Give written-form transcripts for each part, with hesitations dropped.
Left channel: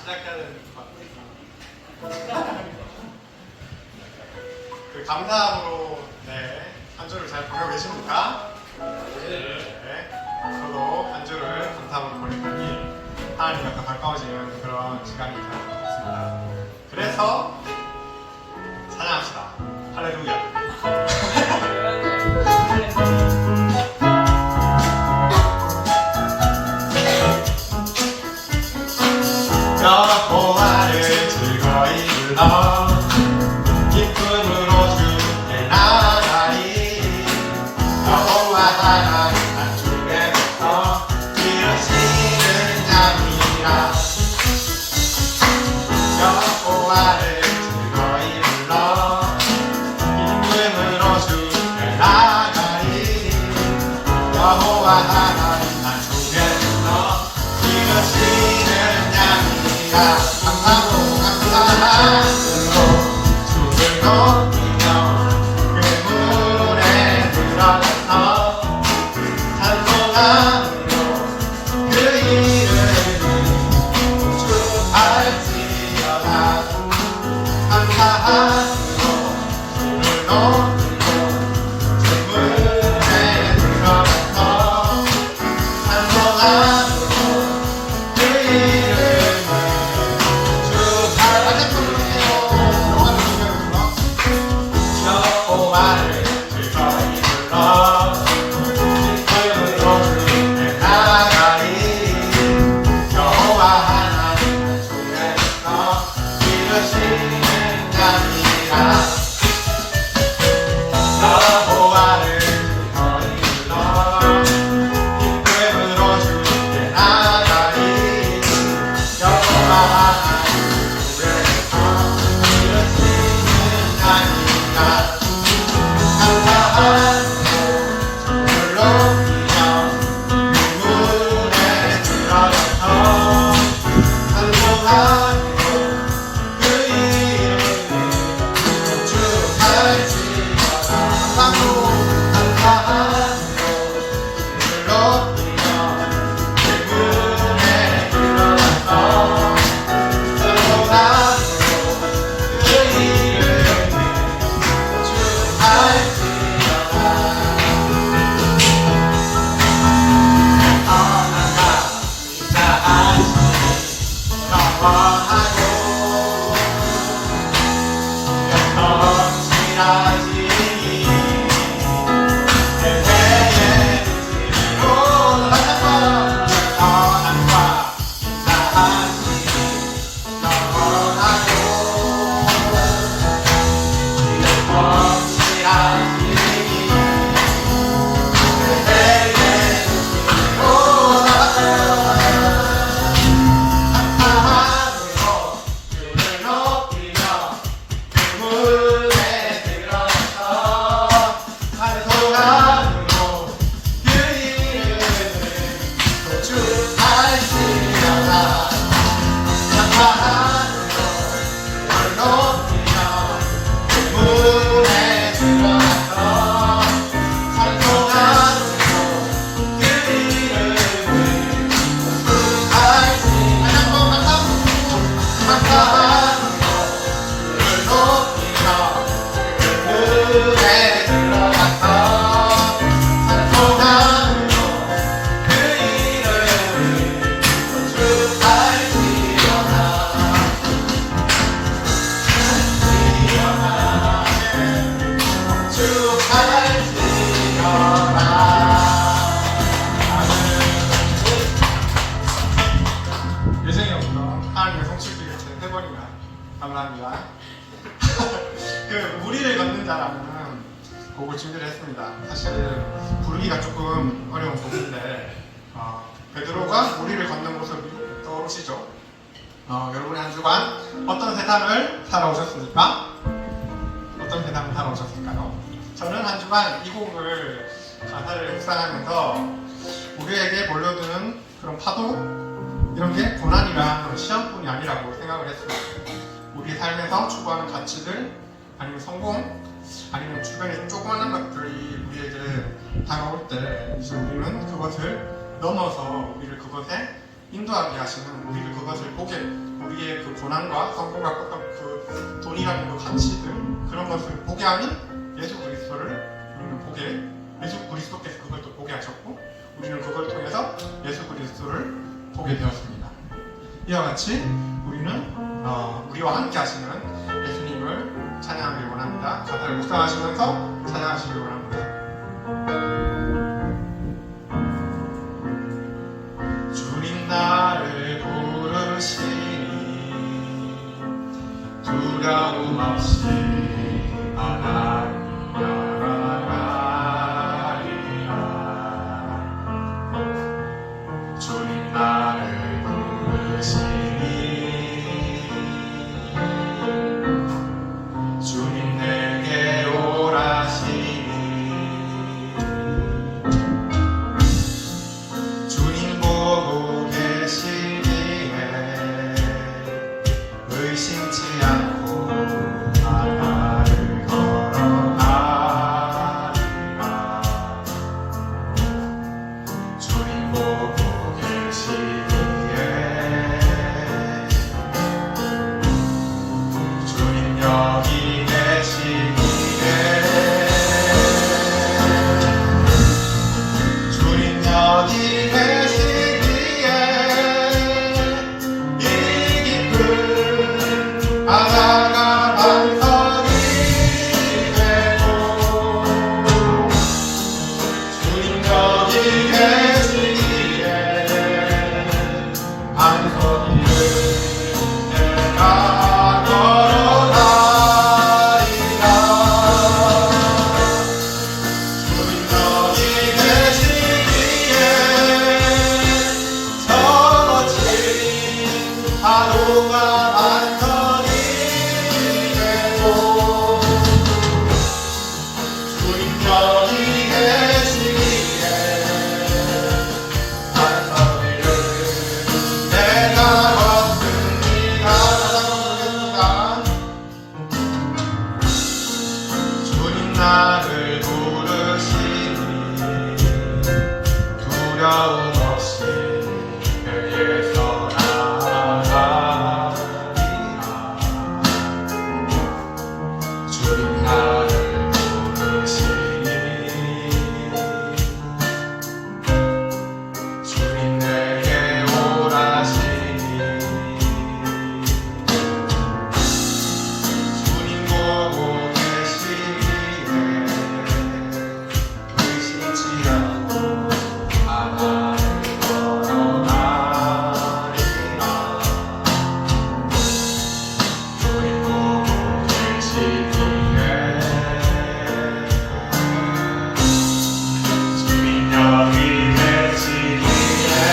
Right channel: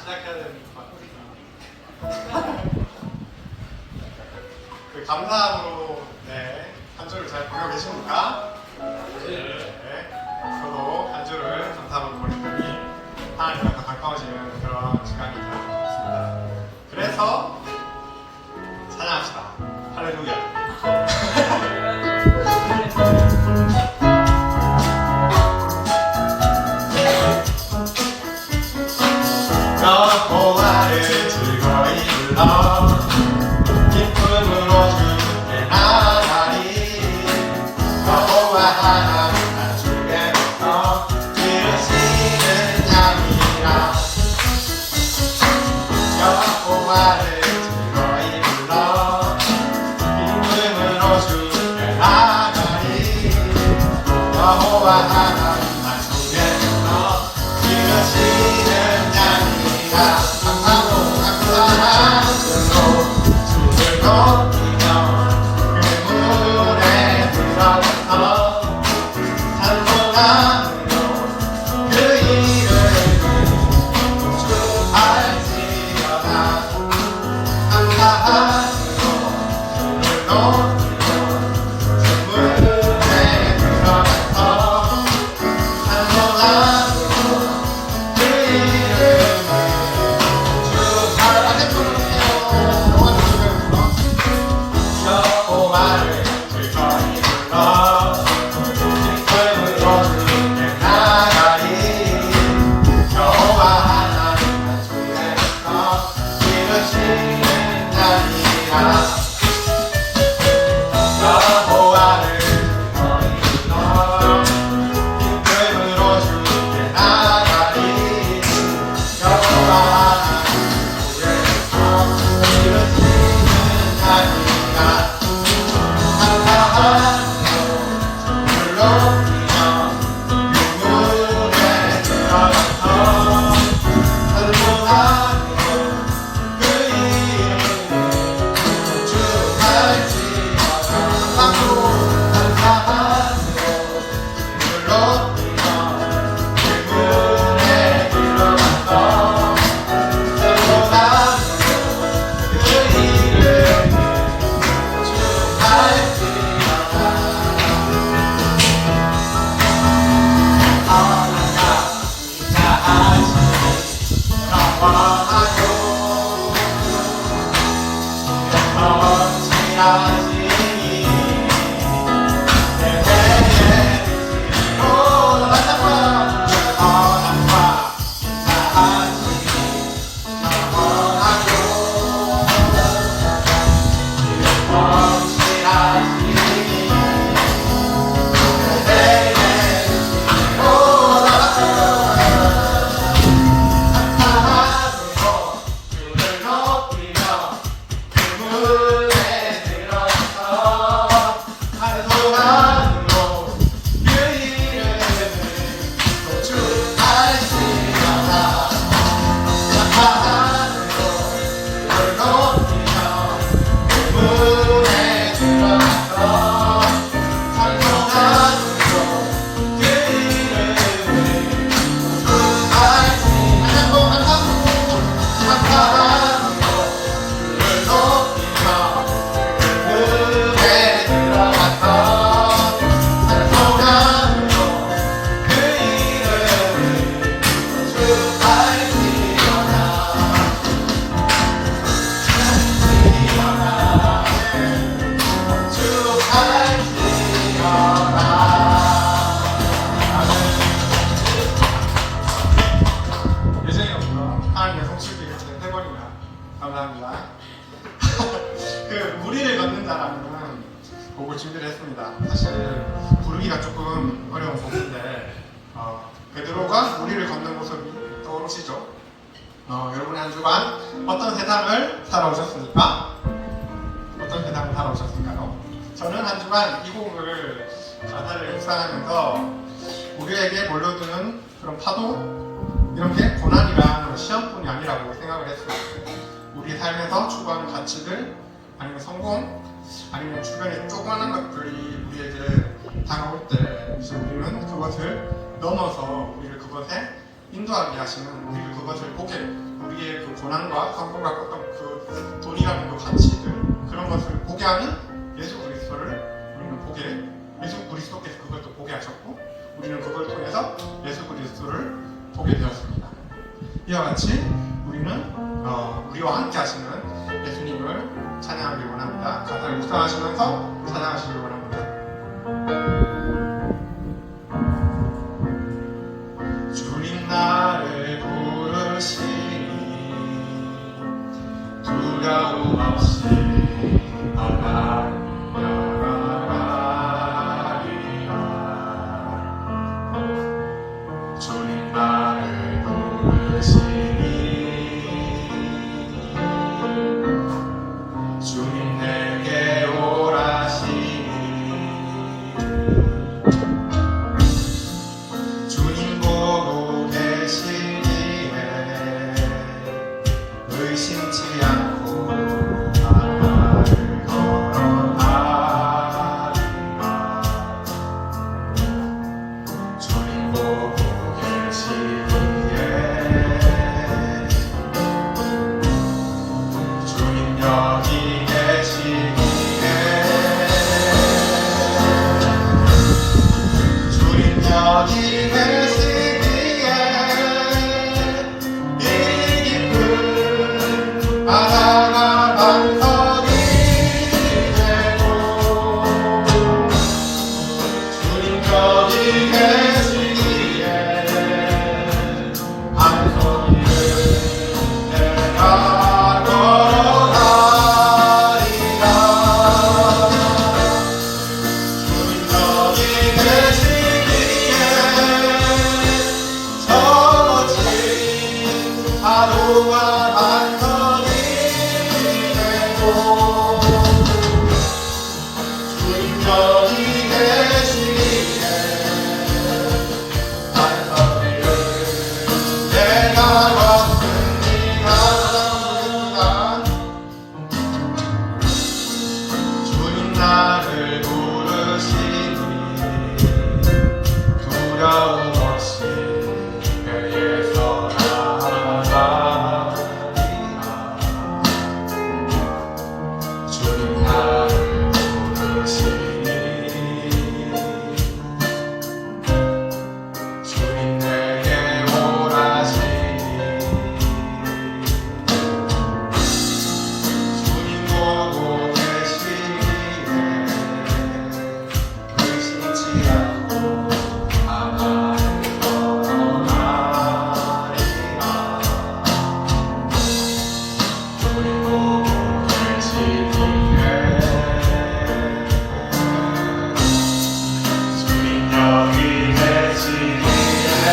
시작하는 그 감사함으로 한 주를 잘 보내고 계십니까? 네. 저도 한 주를 감사함으로 보냈더니 하나님과 더 가까워지는 그런 시간이 될 것 같습니다. 그래서 찬양합시다. 할렐루야. 여호와를 즐거이 불러 기쁨으로 주께 나가리. 여호와 하나님 주께서 이루시는 자니라. 여호와를 즐거이 불러 기쁨으로 주께 나가리. 여호와 하나님 주께서 이루시는 자니라. 감사함으로 주를 높이며 그물에 들어가서 찬송함으로 그 이름을 축복할지어다. 감사함으로 주를 높이며 그물에 들어가서 찬송함으로 그 이름을 여호와를 즐거이 불러 기쁨으로 주께 나가리. 여호와 하나님 주께서 이루시는 자니라. 여호와를 즐거이 불러 기쁨으로 주께 나가리. 여호와 하나님 주께서 이루시는 자니라. 감사합니다. 그 무리를 걷는 자라는 곡을 준비를 했습니다. 사실 부르기가 조금 어려운 곡인데 베드로가 무리를 걷는 모습이 떠오르시죠? 여러분의 한 주간 어떤 세상을 살아오셨습니까? 어떤 세상을 살아오셨을까요? 저는 한 주간 이 곡을 가사를 묵상하면서 우리에게 몰려드는 그런 파도, 이런 게 고난이랑 그런 시험뿐이 아니라고 생각을 했어요. 우리 삶에서 추구하는 가치들, 아니면 성공, 아니면 주변에 조그마한 것들이 우리에게 다가올 때 이제 우리는 그것을 넘어서 우리를 그것에 인도하게 하시는 우리를 그것을 보게 우리의 그 고난과 성공과 그 돈이라는 그 가치들 그런 것을 보게 하는 예수 그리스도를 우리는 보게 예수 그리스도께서 그걸 또 보게 하셨고 우리는 그걸 통해서 예수 그리스도를 보게 되었습니다. 이와 같이 우리는 우리와 함께 하시는 예수님을 찬양하길 원합니다. 가사를 묵상하시면서 찬양하시길 원합니다. 주님 나를 부르시니 두려움 없이 나아가리라. 주님 나를 부르시니 주님 내게 오라시니 주님 보고 계시기에 의심치 않고 나를 걸어가리라. 주님 보고 계시기에 주님 여기 계시기에 주님 여기 계시기에 이 기쁨 하나가 반석이 되고 주님 여기 계시기에 반석이를 내가 걸어가리라. 주님 여기 계시기에 저 멋진 하루가 반석이 되고 주님 여기 계시기에 반석이를 내가 왔습니다. 주님 나를 부르시니 두려움 없이 내게서 나아가리라. 주님 나를 부르시니 주님 내게 오라시니 주님 보고 계시기에 의심치 않고 하나를 걸어가리라. 주님 보고 계시기에 주님 여기 계시기에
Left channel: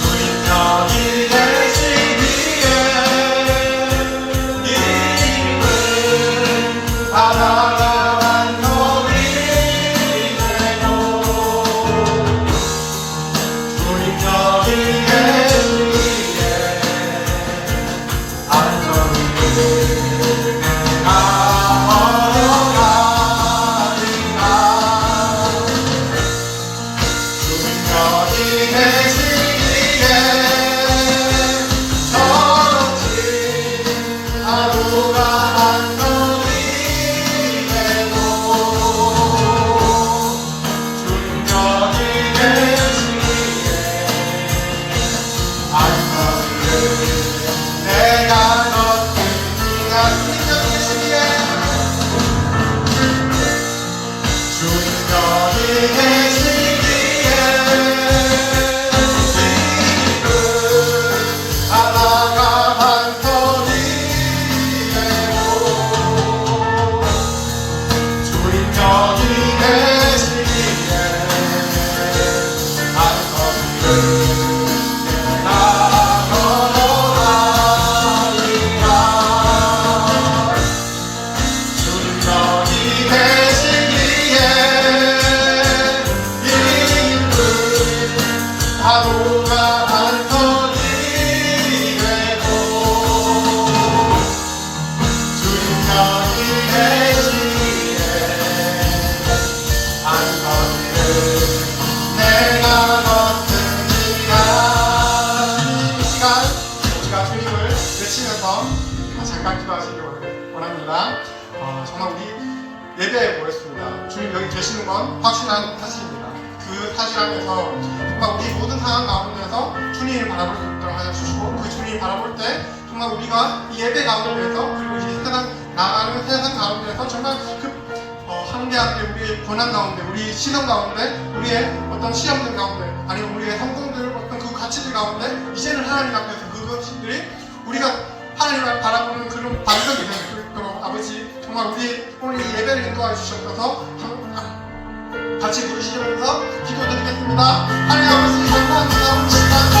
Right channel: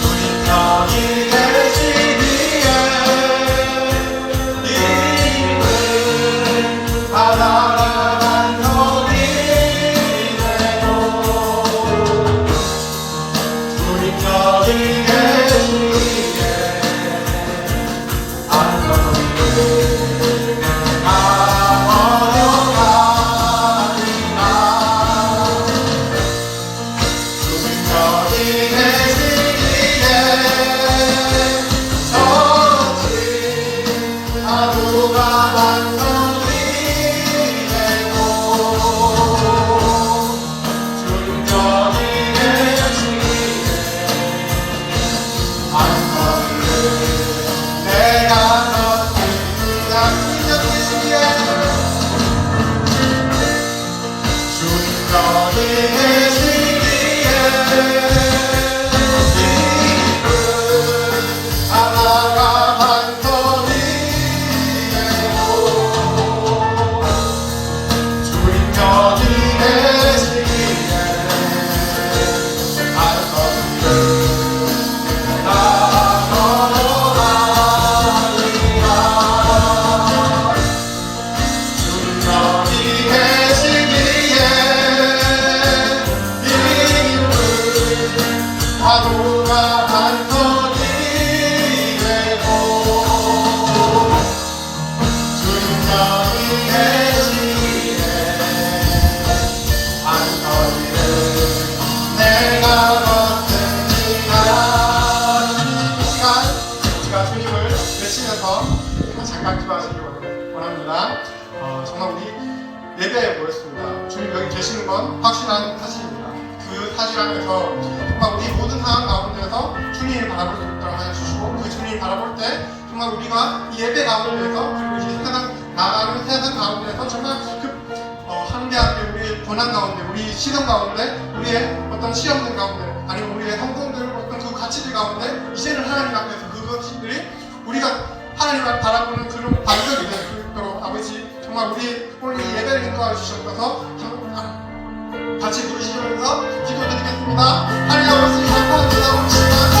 주님 여기 계시기에 이 힘을 하나가 반석이 되고 주님 여기 계시기에 반석이를 내가 걸어가리라. 주님 여기 계시기에 저 멋진 하루가 반석이 되고 주님 여기 계시기에 반석이를 내가 걷습니다. 주님 여기 계시기에 기쁨 하나가 반석이 되고 주님 여기 계시기에 반석이를 내가 걸어가리라. 주님 여기 계시기에 이 힘을 하루가 반석이 되고 주님 여기 계시기에 반석이를 내가 건 확실한 사실입니다. 그 사실 안에서 정말 우리 모든 상황 가운데서 주님을 바라볼 수 있도록 하여 주시고, 그 주님을 바라볼 때 정말 우리가 이 예배 가운데서, 그리고 이 세상 나가는 세상 가운데서 정말 한계한데, 우리의 고난 가운데, 우리 시련 가운데, 우리의 어떤 시험들 가운데, 아니면 우리의 성공들, 어떤 그 가치들 가운데 이제는 하나님 앞에서 그것들이 우리가 하나님을 바라보는 그런 반석이 될 수 있도록 아버지 정말 우리 오늘 이 예배를 인도하여 주셨어서 같이 부르시면서 기도드리겠습니다. 하나님 아버지 감사합니다. 우리 시간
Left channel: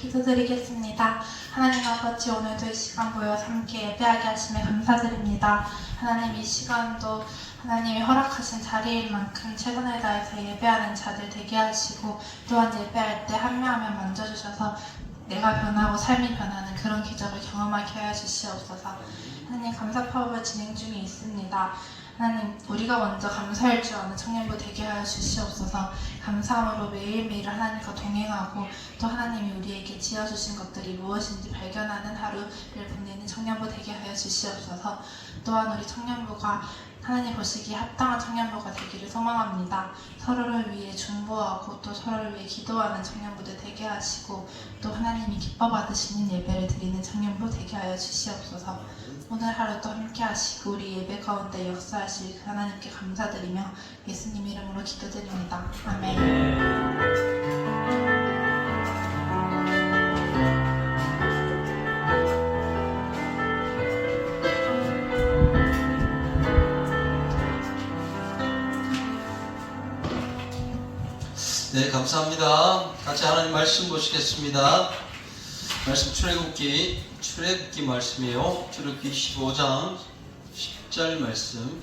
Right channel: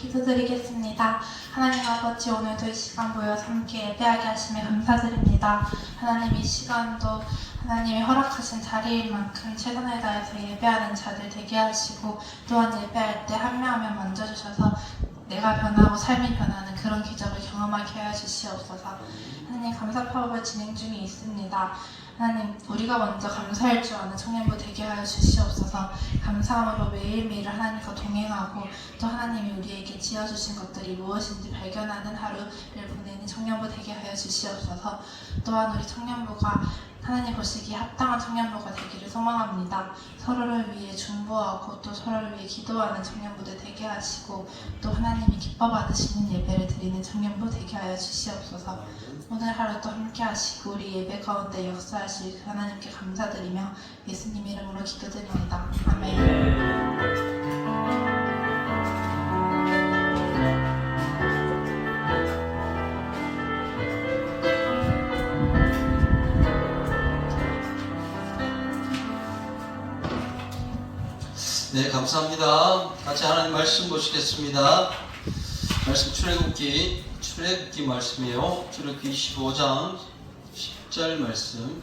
기도드리겠습니다. 하나님 아버지, 오늘도 이 시간 모여서 함께 예배하게 하심에 감사드립니다. 하나님, 이 시간도 하나님이 허락하신 자리인 만큼 최선을 다해서 예배하는 자들 되게 하시고, 또한 예배할 때 한 명 한 명 만져주셔서 내가 변하고 삶이 변하는 그런 기적을 경험하게 하여 주시옵소서. 하나님, 감사 파업을 진행 중에 있습니다. 하나님, 우리가 먼저 감사할 줄 아는 청년부 되게 하여 주시옵소서. 감사함으로 매일매일 하나님과 동행하고, 또 하나님이 우리에게 지어주신 것들이 무엇인지 발견하는 하루를 보내는 청년부 되게 하여 주시옵소서. 또한 우리 청년부가 하나님 보시기에 합당한 청년부가 되기를 소망합니다. 서로를 위해 중보하고 또 서로를 위해 기도하는 청년부들 되게 하시고, 또 하나님이 기뻐 받으시는 예배를 드리는 청년부 되게 하여 주시옵소서. 오늘 하루 또 함께 하시고 우리 예배 가운데 역사하실 그 하나님께 감사드리며 예수님 이름으로 기도드립니다. 아멘. 네, 감사합니다. 같이 하나님 말씀 보시겠습니다. 말씀 출애굽기 말씀이에요. 출애굽기 25장 10절 말씀.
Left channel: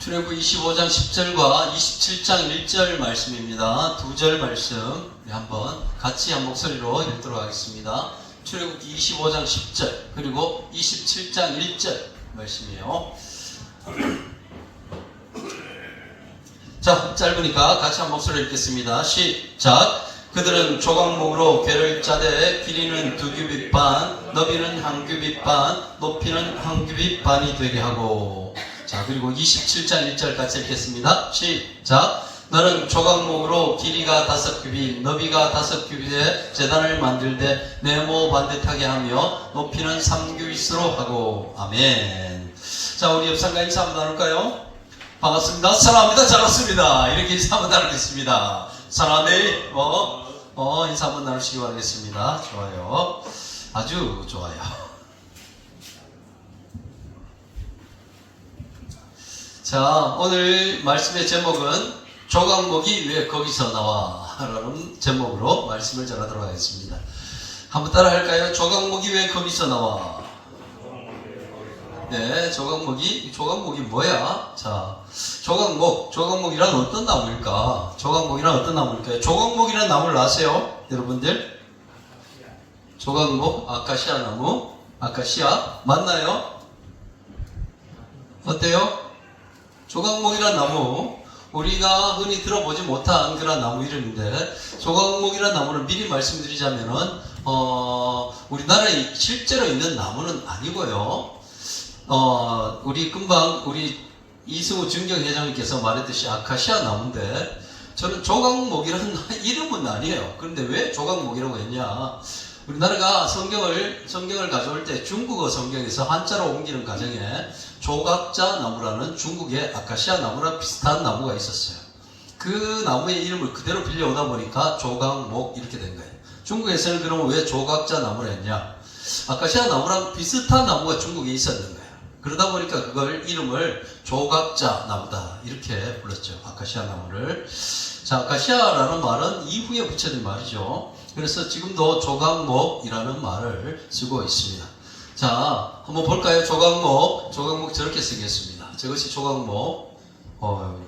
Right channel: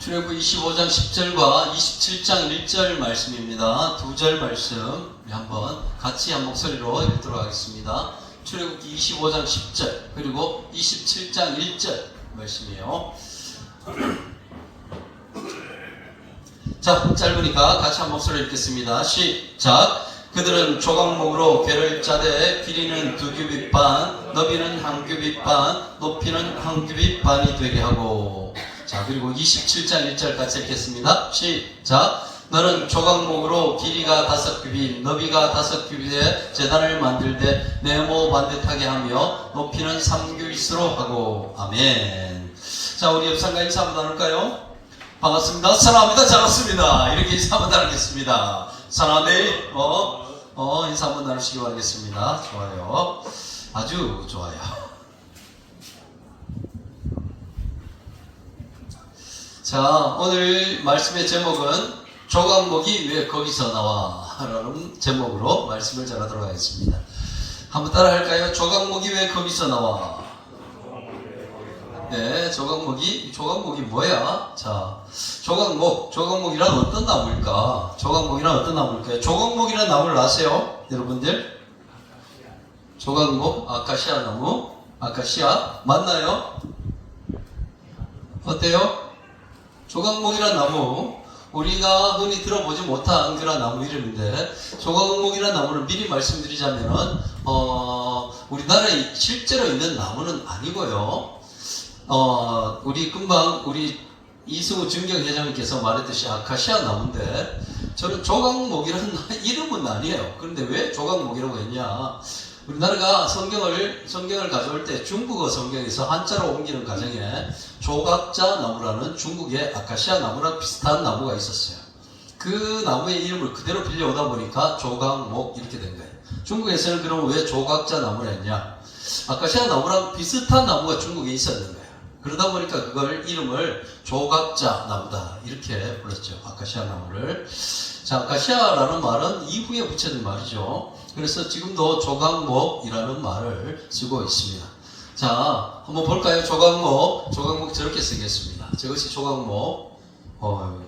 출애굽기 25장 10절과 27장 1절 말씀입니다. 두 절 말씀 한번 같이 한 목소리로 읽도록 하겠습니다. 출애굽기 25장 10절 그리고 27장 1절 말씀이에요. 자, 짧으니까 같이 한 목소리 읽겠습니다. 시작. 그들은 조각목으로 궤를 짜되 길이는 2규빗 반, 너비는 1규빗 반, 높이는 1규빗 반이 되게 하고. 자, 그리고 27장 1절 같이 읽겠습니다. 시작. 너는 조각목으로 길이가 5규빗, 너비가 5규빗의 제단을 만들되 네모 반듯하게 하며 높이는 3규빗으로 하고. 아멘. 자, 우리 옆상가 인사 한번 나눌까요? 반갑습니다. 사랑합니다. 잘 왔습니다. 이렇게 인사 한번 나누겠습니다. 사랑하네. 인사 한번 나누시기 바라겠습니다. 좋아요. 아주 좋아요. 자, 오늘 말씀의 제목은 조각목이 왜 거기서 나와? 라는 제목으로 말씀을 전하도록 하겠습니다. 한번 따라 할까요? 조각목이 왜 거기서 나와? 네, 조각목이 뭐야? 자, 조각목이란 어떤 나무일까? 조각목이란 나무를 아세요? 여러분들? 조각목, 아카시아 나무, 아카시아, 맞나요? 어때요? 조각목이란 나무, 우리가 흔히 들어보지 못한 그런 나무 이름인데, 조각목이란 나무를 미리 말씀드리자면은, 우리나라에 실제로 있는 나무는 아니고요. 우리 이승우 증경회장님께서 말했듯이 아카시아 나무인데, 저는 조각목이라는 이름은 아니에요. 그런데 왜 조각목이라고 했냐? 우리나라가 성경을 가져올 때 중국어 성경에서 한자로 옮기는 과정에 조각자 나무라는 중국의 아카시아 나무랑 비슷한 나무가 있었어요. 그 나무의 이름을 그대로 빌려오다 보니까 조각목 이렇게 된 거예요. 중국에서는 그러면 왜 조각자 나무를 했냐? 아카시아 나무랑 비슷한 나무가 중국에 있었는 거예요. 그러다 보니까 그걸 이름을 조각자 나무다 이렇게 불렀죠. 아카시아 나무를. 자, 아카시아라는 말은 이후에 붙여진 말이죠. 그래서 지금도 조각목이라는 말을 쓰고 있습니다. 자, 한번 볼까요? 조각목 저렇게 생겼습니다. 저것이 조각목.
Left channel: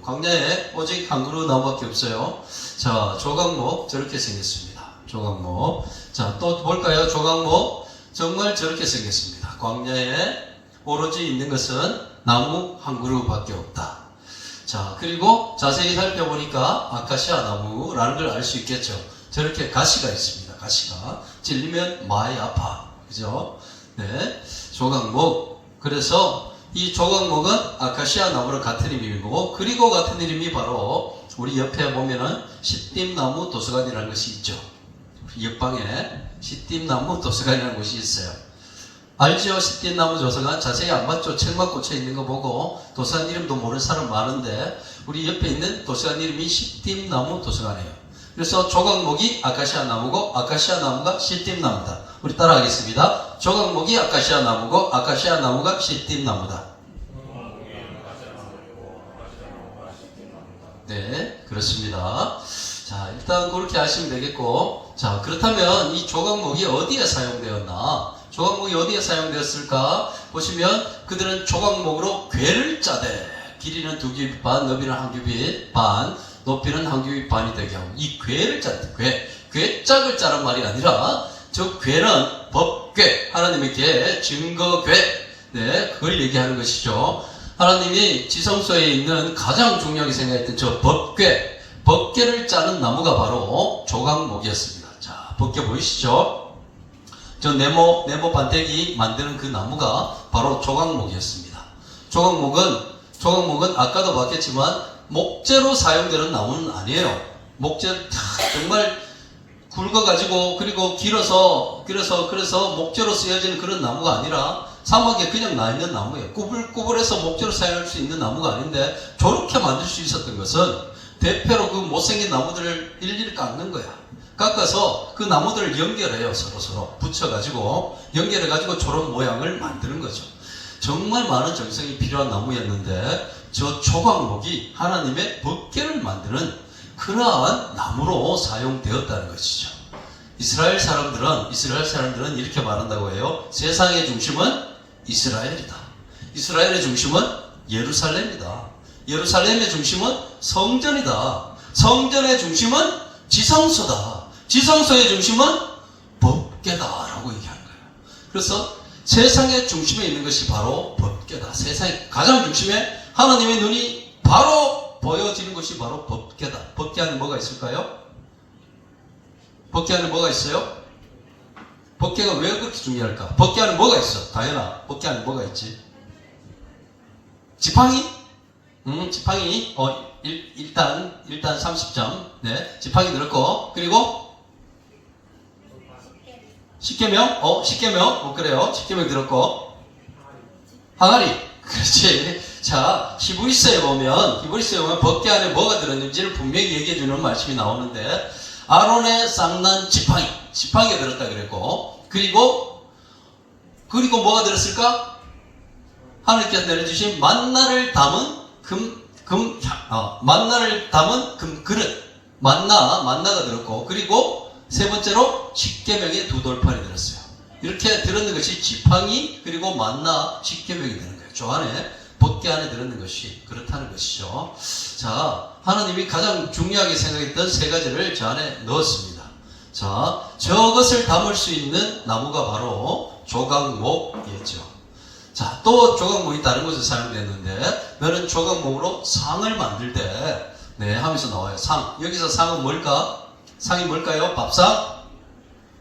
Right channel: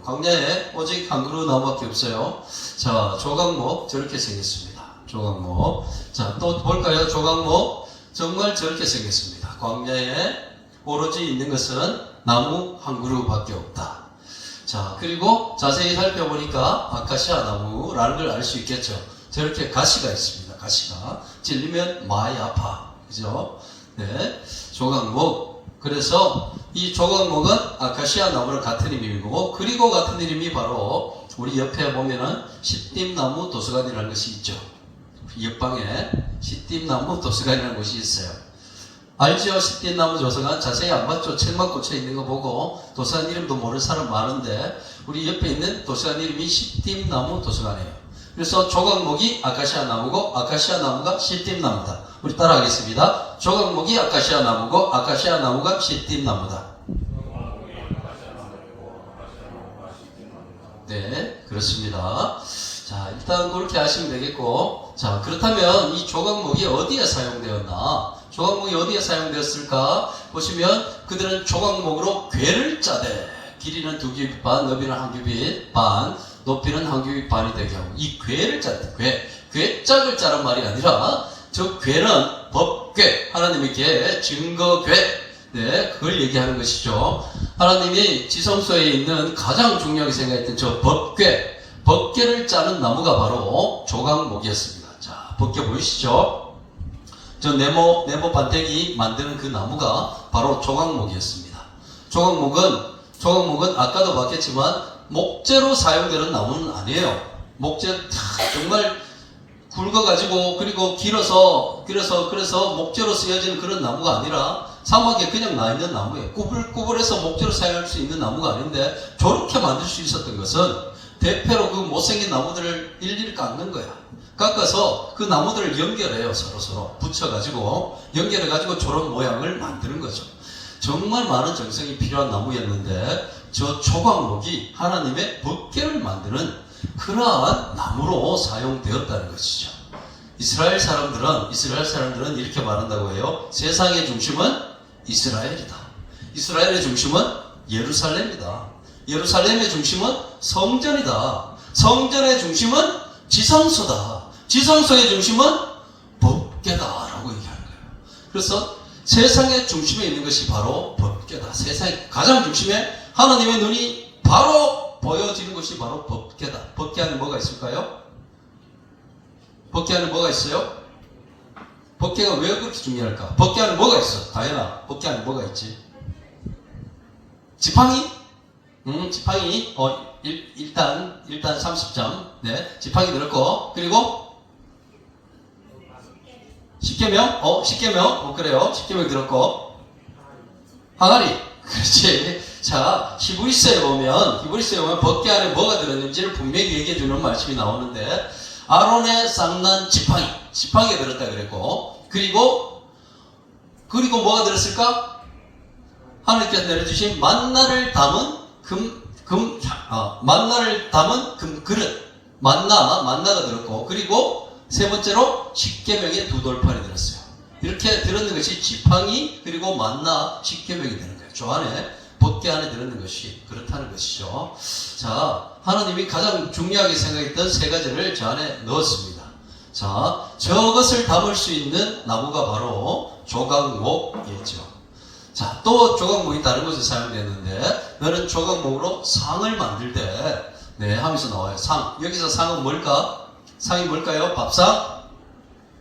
광야에 오직 한 그루 나무밖에 없어요. 자, 조각목 저렇게 생겼습니다. 조각목. 자, 또 볼까요? 조각목 정말 저렇게 생겼습니다. 광야에 오로지 있는 것은 나무 한 그루밖에 없다. 자, 그리고 자세히 살펴보니까 아카시아 나무라는 걸 알 수 있겠죠. 저렇게 가시가 있습니다. 가시가. 찔리면 많이 아파. 그죠? 네. 조각목. 그래서 이 조각목은 아카시아 나무랑 같은 이름이고, 그리고 같은 이름이 바로 우리 옆에 보면은 시띠나무 도서관이라는 것이 있죠. 옆방에 시띠나무 도서관이라는 곳이 있어요. 알죠? 시띠나무 도서관 자세히 안 봤죠? 책만 꽂혀 있는 거 보고 도서관 이름도 모르는 사람 많은데 우리 옆에 있는 도서관 이름이 시띠나무 도서관이에요. 그래서 조각목이 아카시아 나무고 아카시아 나무가 시띠나무다. 우리 따라하겠습니다. 조각목이 아카시아 나무고 아카시아 나무가 시띠나무다. 네, 그렇습니다. 자, 일단 그렇게 하시면 되겠고, 자, 그렇다면 이 조각목이 어디에 사용되었나? 조각목이 어디에 사용되었을까? 보시면 그들은 조각목으로 궤를 짜되 길이는 2규빗 반, 너비는 1규빗 반, 높이는 1규빗 반이 되게 하고, 이 궤를 짰대. 궤짝을 짜란 말이 아니라 저 궤는 법궤, 하나님의 궤, 증거궤, 네, 그걸 얘기하는 것이죠. 하나님이 지성소에 있는 가장 중요하게 생각했던 저 법궤를 짜는 나무가 바로 조각목이었습니다. 자, 법궤 보이시죠? 저 네모 반대기 만드는 그 나무가 바로 조각목이었습니다. 조각목은 아까도 봤겠지만 목재로 사용되는 나무는 아니에요. 목재 정말 굵어가지고 그리고 길어서 목재로 쓰여지는 그런 나무가 아니라 사막에 그냥 나 있는 나무예요. 꾸불꾸불해서 목재로 사용할 수 있는 나무가 아닌데 저렇게 만들 수 있었던 것은 대패로 그 못생긴 나무들을 일일이 깎는 거야. 깎아서 그 나무들을 연결해요. 서로 붙여가지고 연결해가지고 저런 모양을 만드는 거죠. 정말 많은 정성이 필요한 나무였는데 저 조각목이 하나님의 법궤를 만드는 그러한 나무로 사용되었다는 것이죠. 이스라엘 사람들은 이렇게 말한다고 해요. 세상의 중심은 이스라엘이다. 이스라엘의 중심은 예루살렘이다. 예루살렘의 중심은 성전이다. 성전의 중심은 지성소다. 지성소의 중심은 법궤다라고 얘기하는 거예요. 그래서 세상의 중심에 있는 것이 바로 법궤다. 세상의 가장 중심에 하나님의 눈이 바로 보여지는 것이 바로 법궤다. 법궤 안에 뭐가 있을까요? 법궤 안에 뭐가 있어요? 법궤가 왜 그렇게 중요할까? 법궤 안에 뭐가 있어? 다현아, 법궤 안에 뭐가 있지? 지팡이? 지팡이. 일단 30점. 네, 지팡이 들었고, 그리고 십계명. 십계명. 그래요. 십계명 들었고, 항아리. 그렇지. 자, 히브리서에 보면 법궤 안에 뭐가 들었는지를 분명히 얘기해 주는 말씀이 나오는데, 아론의 쌍난 지팡이가 들었다 그랬고, 그리고 뭐가 들었을까? 하나님께서 내려주신 만나를 담은 금 그릇. 만나가 들었고, 그리고 세 번째로 십계명의 2돌판이 들었어요. 이렇게 들었는 것이 지팡이 그리고 만나 십계명이 되는 거예요. 저 안에 법궤 안에 들었는 것이 그렇다는 것이죠. 자, 하나님이 가장 중요하게 생각했던 세 가지를 저 안에 넣었습니다. 자, 저것을 담을 수 있는 나무가 바로 조각목이었죠. 자, 또 조각목이 다른 곳에 사용되는데 너는 조각목으로 상을 만들 때 네, 하면서 나와요. 상. 여기서 상은 뭘까? 상이 뭘까요? 밥상?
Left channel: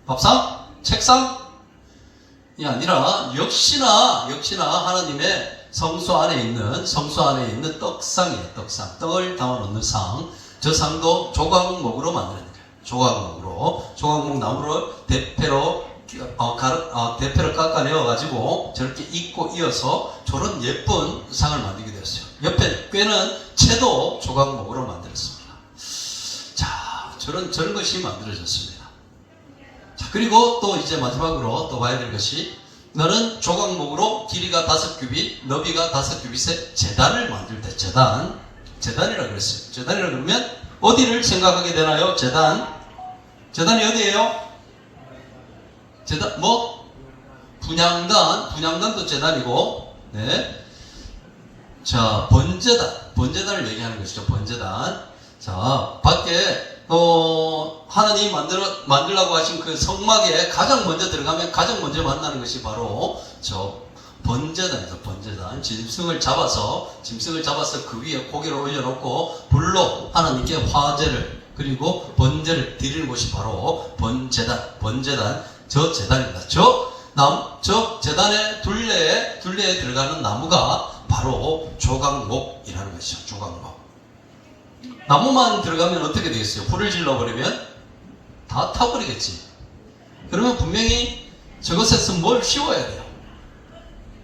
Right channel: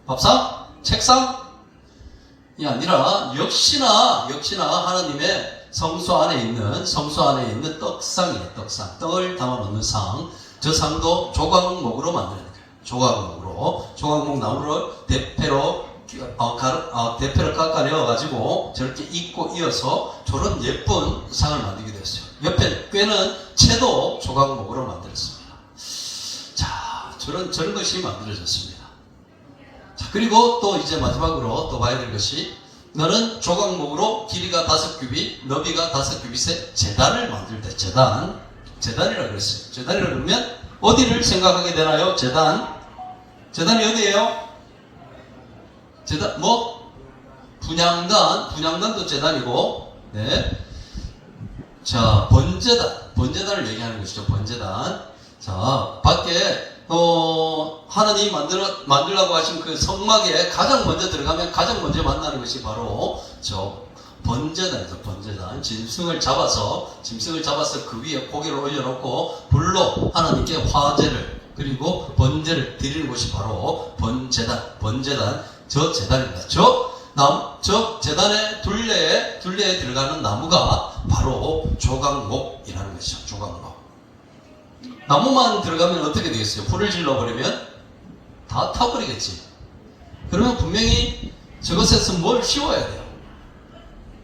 밥상? 책상? 이 아니라 역시나 하나님의 성소 안에 있는 떡상이에요. 떡상. 떡을 담아 놓는 상. 저 상도 조각목으로 만드는 거예요. 조각목 나무를 대패로 깎아내어 가지고 저렇게 잇고 이어서 저런 예쁜 상을 만들게 되었어요. 옆에 꾀는 채도 조각목으로 만들었습니다. 자, 저런 것이 만들어졌습니다. 자, 그리고 또 이제 마지막으로 또 봐야 될 것이 너는 조각목으로 길이가 5규빗, 너비가 5규빗의 제단을 만들 때 제단이라고 그랬어요. 제단이라고 그러면 어디를 생각하게 되나요? 제단이 어디예요? 제단, 분향단도 제단이고, 네. 자, 번제단을 얘기하는 것이죠, 번제단. 자, 밖에, 하나님이 만들라고 하신 그 성막에 가장 먼저 들어가면 가장 먼저 만나는 것이 바로 번제단이죠, 번제단. 짐승을 잡아서 그 위에 고기를 올려놓고 불로 하나님께 화제를 그리고 번제를 드리는 곳이 바로 번제단, 저 제단입니다. 저 제단의 둘레에 들어가는 나무가 바로 조각목이라는 것이죠. 조각목. 나무만 들어가면 어떻게 되겠어요? 불을 질러버리면 다 타버리겠지. 그러면 분명히 저것에서 뭘 씌워야 돼요.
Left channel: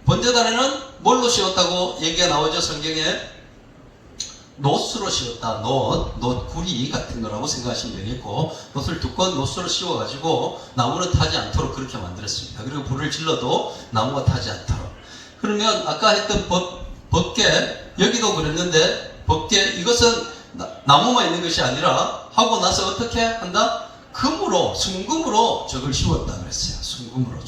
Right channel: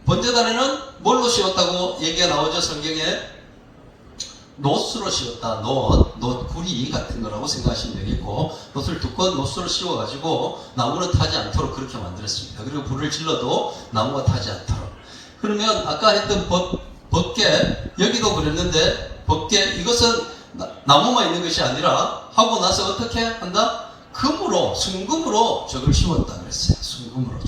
번제단에는 뭘로 씌웠다고 얘기가 나오죠, 성경에? 노스로 씌웠다. 노 구리 같은 거라고 생각하시면 되겠고, 노스를 두꺼운 노스로 씌워가지고 나무는 타지 않도록 그렇게 만들었습니다. 그리고 불을 질러도 나무가 타지 않도록. 그러면 아까 했던 법궤, 여기도 그랬는데 법궤, 이것은 나무만 있는 것이 아니라 하고 나서 어떻게 한다? 순금으로 저걸 씌웠다 그랬어요. 순금으로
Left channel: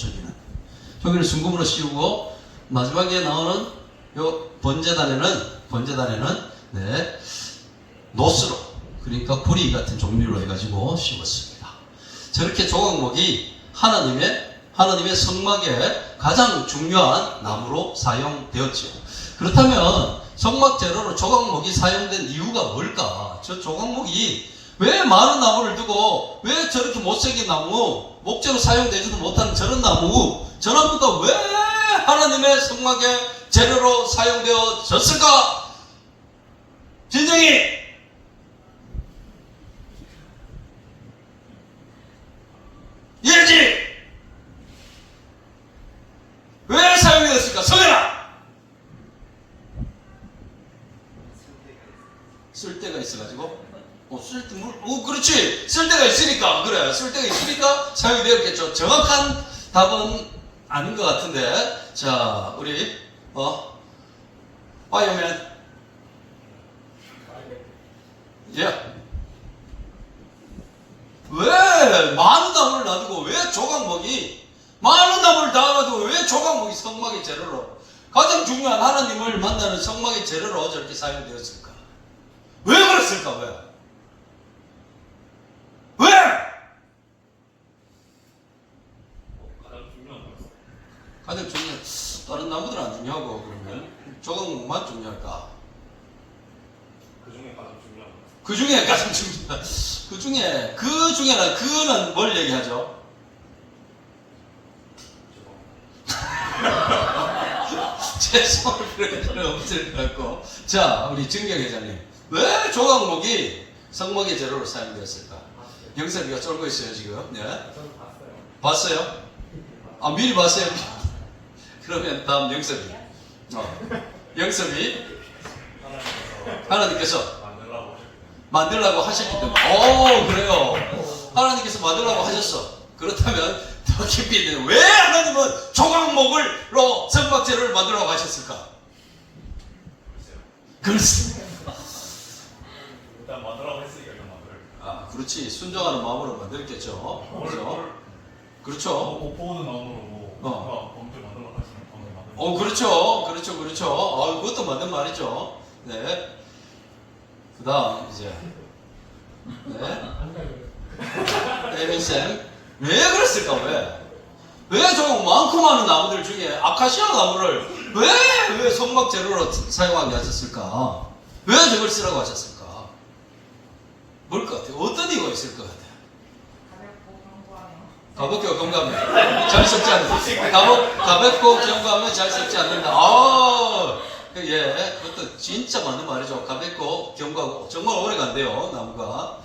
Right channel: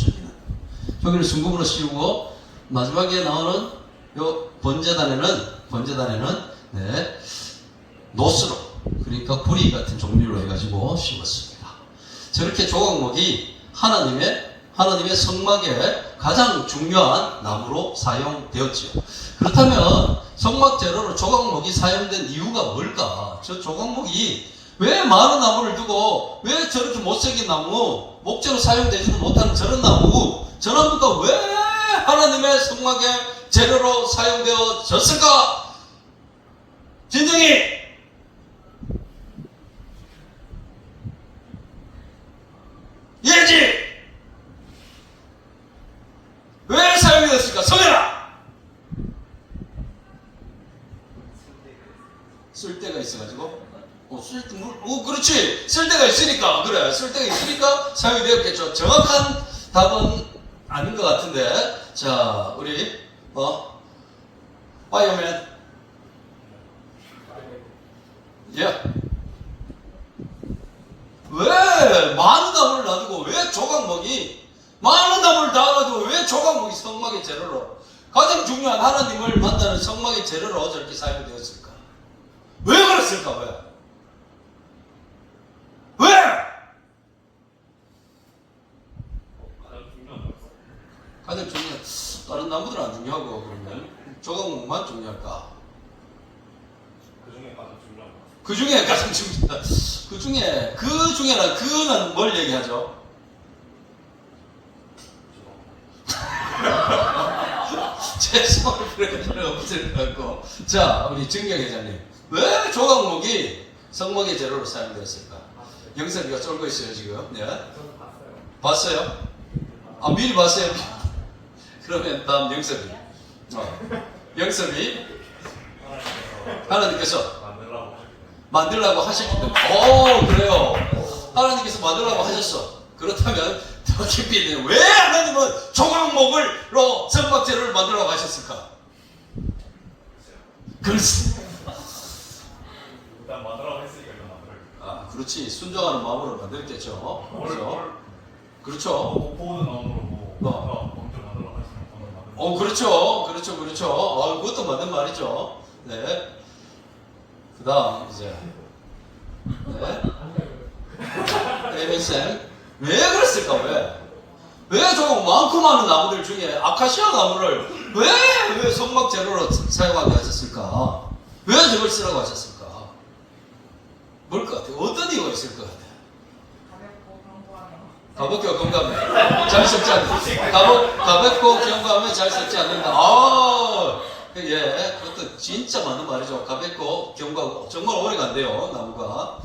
저기는 순금으로 씌우고 마지막에 나오는 요 번제단에는 네, 노스로, 그러니까 구리 같은 종류로 해가지고 씌웠습니다. 저렇게 조각목이 하나님의 성막에 가장 중요한 나무로 사용되었죠. 그렇다면 성막 재료로 조각목이 사용된 이유가 뭘까? 저 조각목이 왜 많은 나무를 두고 왜 저렇게 못생긴 나무, 목재로 사용되지도 못하는 저런 나무가 왜 하나님의 성막의 재료로 사용되어졌을까? 진정이 예지 왜 사용이 됐을까? 성현아! 쓸데가 있어가지고 그렇지, 쓸데가 있으니까, 그래, 쓸데가 있으니까 사용이 되었겠죠. 정확한 답은 아닌 것 같은데. 자, 우리 파이어맨. 예. 왜 많은 나무를 놔두고 왜 조각목이 많은 나무를 놔가지고 왜 조각목이 성막의 재료로, 가장 중요한 하나님을 만나는 성막의 재료로 저렇게 사용되었을까? 왜 그랬을까? 왜? 가장 중요한, 다른 나무들은 안 중요하고, 그러면 조각목만 중요할까? 그 중에 가장 중요한, 그는 뭘 얘기하죠? 제 수업을 그럴 필요는 없을 것 같고. 자, 우리 증경 회장님. 왜 조각목이 성막의 재료로 사용되었을까? 영석이가 쫄고 있어요, 지금. 네. 봤어요? 아, 미리 봤어요? 그러면 다음 영석이. 영석이. 하나님께서 만들라고 하셨기 때문에. 그래요. 하나님께서 만들라고 하셨어. 그렇다면 더 깊이 있네요. 왜 하나님은 조각목으로 성막 재료를 만들라고 하셨을까? 그렇습니다. 일단 만들라고 했으니까 일단 만들어요. 그렇지. 순종하는 마음으로 만들었겠죠. 그렇죠? 그렇죠. 못 보는 마음으로 엄청 만들어 가시는 번을 만들어. 그렇죠. 그것도 맞는 말이죠. 네. 그 다음, 이제. 네. 에이벤쌤. 왜 그랬을까, 왜? 왜 저 많고 많은 나무들 중에 아카시아 나무를 왜 성막 재료로 사용하게 하셨을까? 왜 저걸 쓰라고 하셨을까? 뭘 것 같아요? 어떤 이유가 있을 것 같아요? 가볍고 경감해. 잘 섞지 않는다. 가볍고 경감하면 잘 섞지 않는다. 예. 그것도 진짜 맞는 말이죠. 가볍고 경감하고 정말 오래 간대요, 나무가.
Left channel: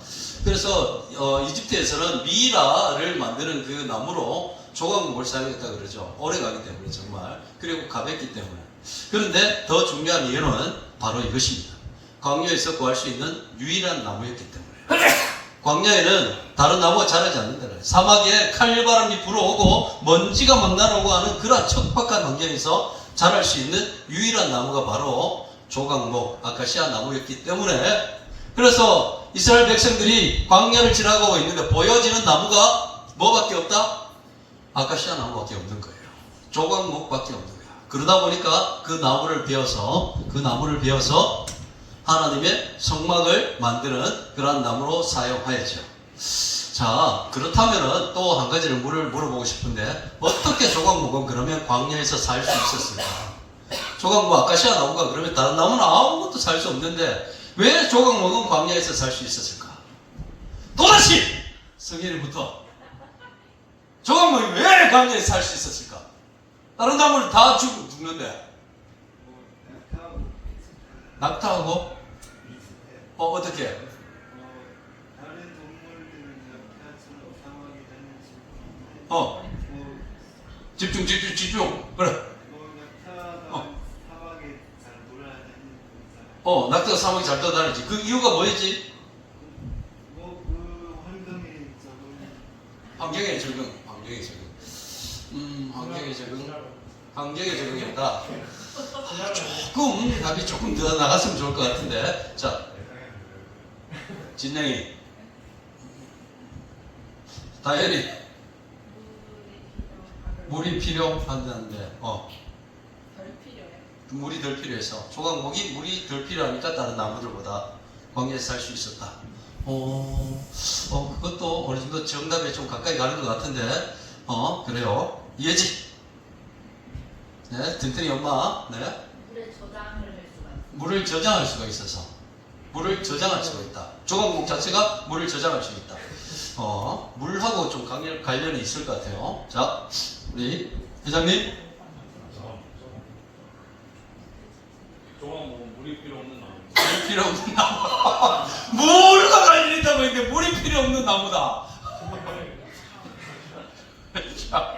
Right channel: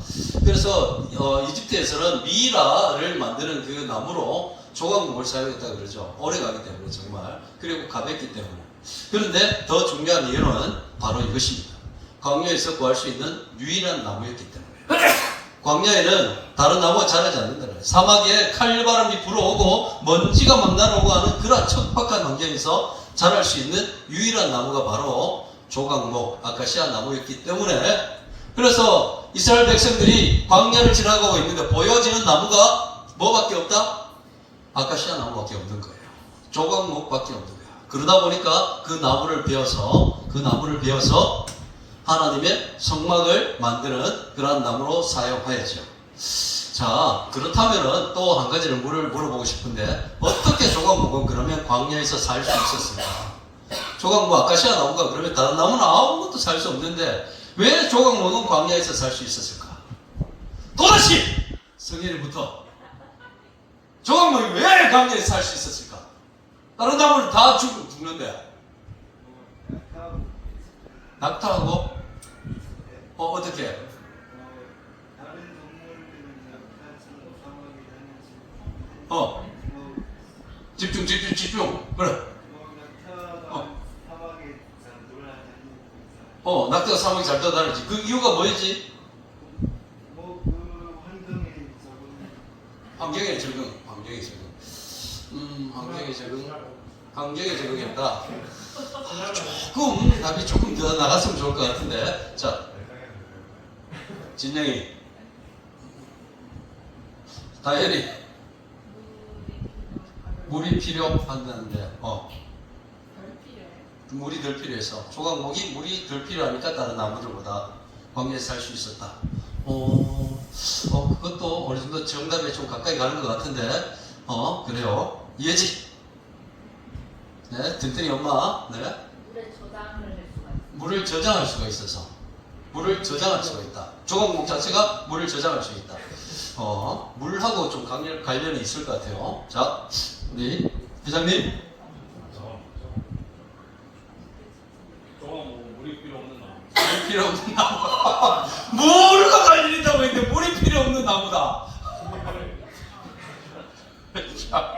그래서, 이집트에서는 미라를 만드는 그 나무로 조각목을 사용했다고 그러죠. 오래 가기 때문에 정말. 그리고 가볍기 때문에. 그런데 더 중요한 이유는 바로 이것입니다. 광야에서 구할 수 있는 유일한 나무였기 때문에. 광야에는 다른 나무가 자라지 않는다는 거예요. 사막에 칼바람이 불어오고 먼지가 막 날아오고 하는 그런 척박한 환경에서 자랄 수 있는 유일한 나무가 바로 조각목, 아카시아 나무였기 때문에 그래서 이스라엘 백성들이 광야를 지나가고 있는데 보여지는 나무가 뭐밖에 없다? 아카시아 나무밖에 없는 거예요. 조각목밖에 없는 거예요. 그러다 보니까 그 나무를 베어서 하나님의 성막을 만드는 그러한 나무로 사용하였죠. 자, 그렇다면 또 한 가지를 물어보고 싶은데 어떻게 조각목은 그러면 광야에서 살 수 있었을까? 조각목, 아카시아 나무가 그러면 다른 나무는 아무것도 살 수 없는데 왜 조각목은 광야에서 살 수 있었을까? 또다시 성인일부터 조각목이 왜 광야에서 살 수 있었을까? 다른 나무는 다 죽는데 낙타하고 어떻게? 다른 동물들은 낙타처럼 사막에 다니지. 집중. 그래. 낙타가 사막에 잘 돌아다니는 낙타가 사막에 잘 떠다니지. 그 이유가 뭐였지? 그 환경에 적응. 환경에 적응이었다. 답이 조금 더 나갔으면 좋을 것 같은데. 자, 진영이. 다현이. 물이 필요한다는데, 물이 덜 필요해서. 조각목이 물이 덜 필요하니까 다른 나무들보다 광야에서 살 수 있었다. 그것도 어느 정도 정답에 좀 가까이 가는 것 같은데, 그래요. 이해지? 네, 든든히 엄마. 네. 물을 저장할 수가 있어서. 물을 저장할 수가 있다. 조각목 자체가 물을 저장할 수 있다. 물하고 좀 관련이 있을 것 같아요. 자, 우리 회장님. 조각목은 물이 필요 없는 나무. 물이 필요 없는 나무. 물과 관련이 있다고 했는데 물이 필요 없는 나무다. 자,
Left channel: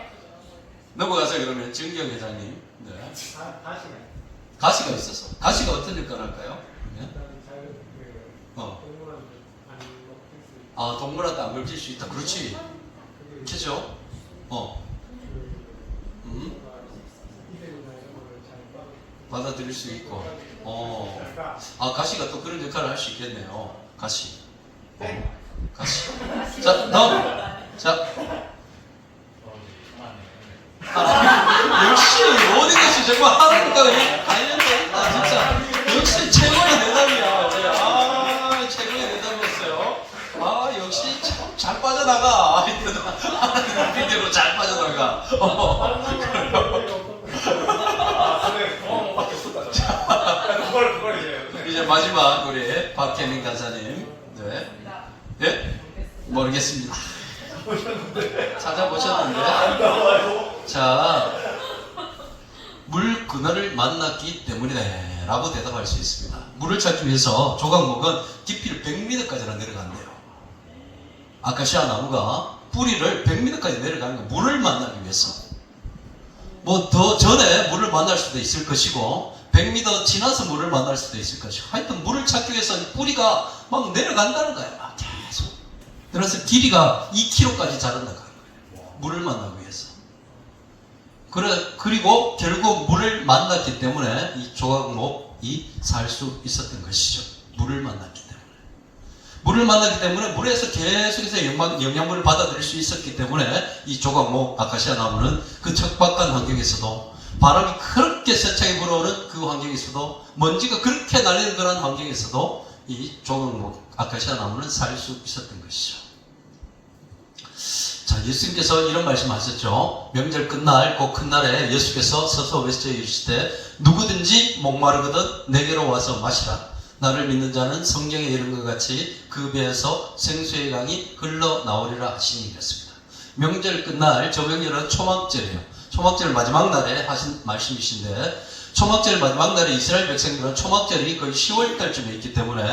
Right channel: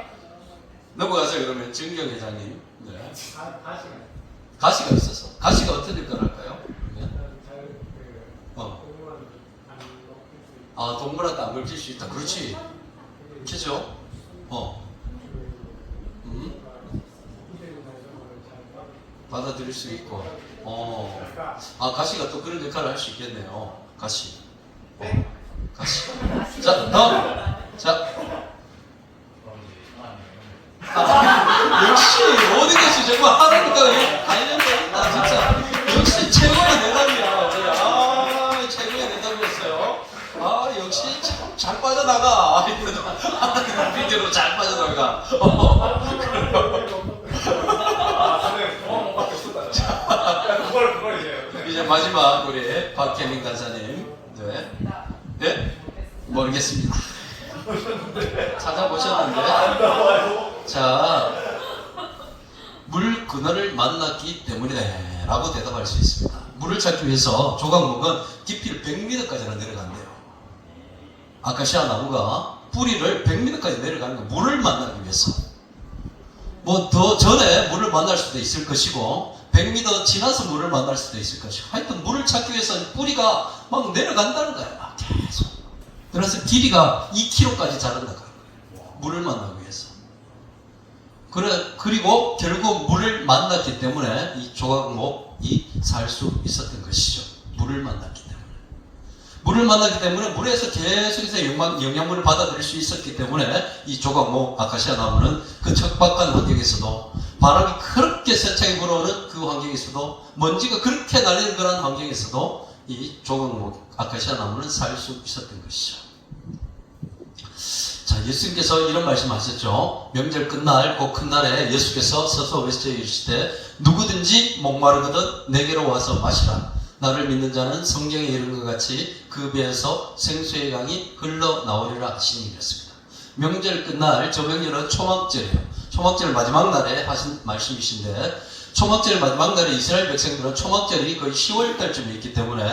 넘어가세요. 그러면 정경 회장님. 네. 가시가 있어서. 가시가 어떤 역할을 할까요? 네. 동물한테 안 걸칠 수 있다. 그렇지. 그죠? 받아들일 수 있고. 가시가 또 그런 역할을 할 수 있겠네요. 가시. 가시. 자, 다음. 자. 역시 모든 것이 정말 하나님과 관련돼 있다. 진짜. 역시 최고의 대답이야. 최고의 대답이었어요. 역시 참 잘 빠져나가. 하나님 비디오로 잘 빠져나가. 그걸 이제 마지막 우리 박혜민 간사님. 네? 모르겠습니다. 찾아보셨는데. 자, 물 그늘을 만났기 때문이네 라고 대답할 수 있습니다. 물을 찾기 위해서 조각목은 깊이를 100m까지나 내려간대요. 아카시아 나무가 뿌리를 100m까지 내려가는 거 물을 만나기 위해서. 뭐 더 전에 물을 만날 수도 있을 것이고 100m 지나서 물을 만날 수도 있을 것이고 하여튼 물을 찾기 위해서 뿌리가 막 내려간다는 거야. 막 계속. 그래서 길이가 2km까지 자란다는 거예요. 물을 만나기 위해서. 그리고 결국 물을 만났기 때문에 이 조각목이 살 수 있었던 것이죠. 물을 만났기 때문에. 물을 만나기 때문에 물에서 계속해서 영양분을 받아들일 수 있었기 때문에 이 조각목 아카시아 나무는 그 척박한 환경에서도 바람이 그렇게 세차게 불어오는 그 환경에서도 먼지가 그렇게 날리는 그런 환경에서도 이 조각목 아카시아 나무는 살 수 있었던 것이죠. 자, 예수님께서 이런 말씀하셨죠. 명절 끝날 그 큰 날에 예수께서 서서 외쳐 이르시되 누구든지 목마르거든 내게로 와서 마시라. 나를 믿는 자는 성경에 이른 것 같이 그 배에서 생수의 강이 흘러나오리라 하시니 이랬습니다. 명절 끝날 저 명절은 초막절이에요. 초막절 마지막 날에 하신 말씀이신데 초막절 마지막 날에 이스라엘 백성들은 초막절이 거의 10월달쯤에 있기 때문에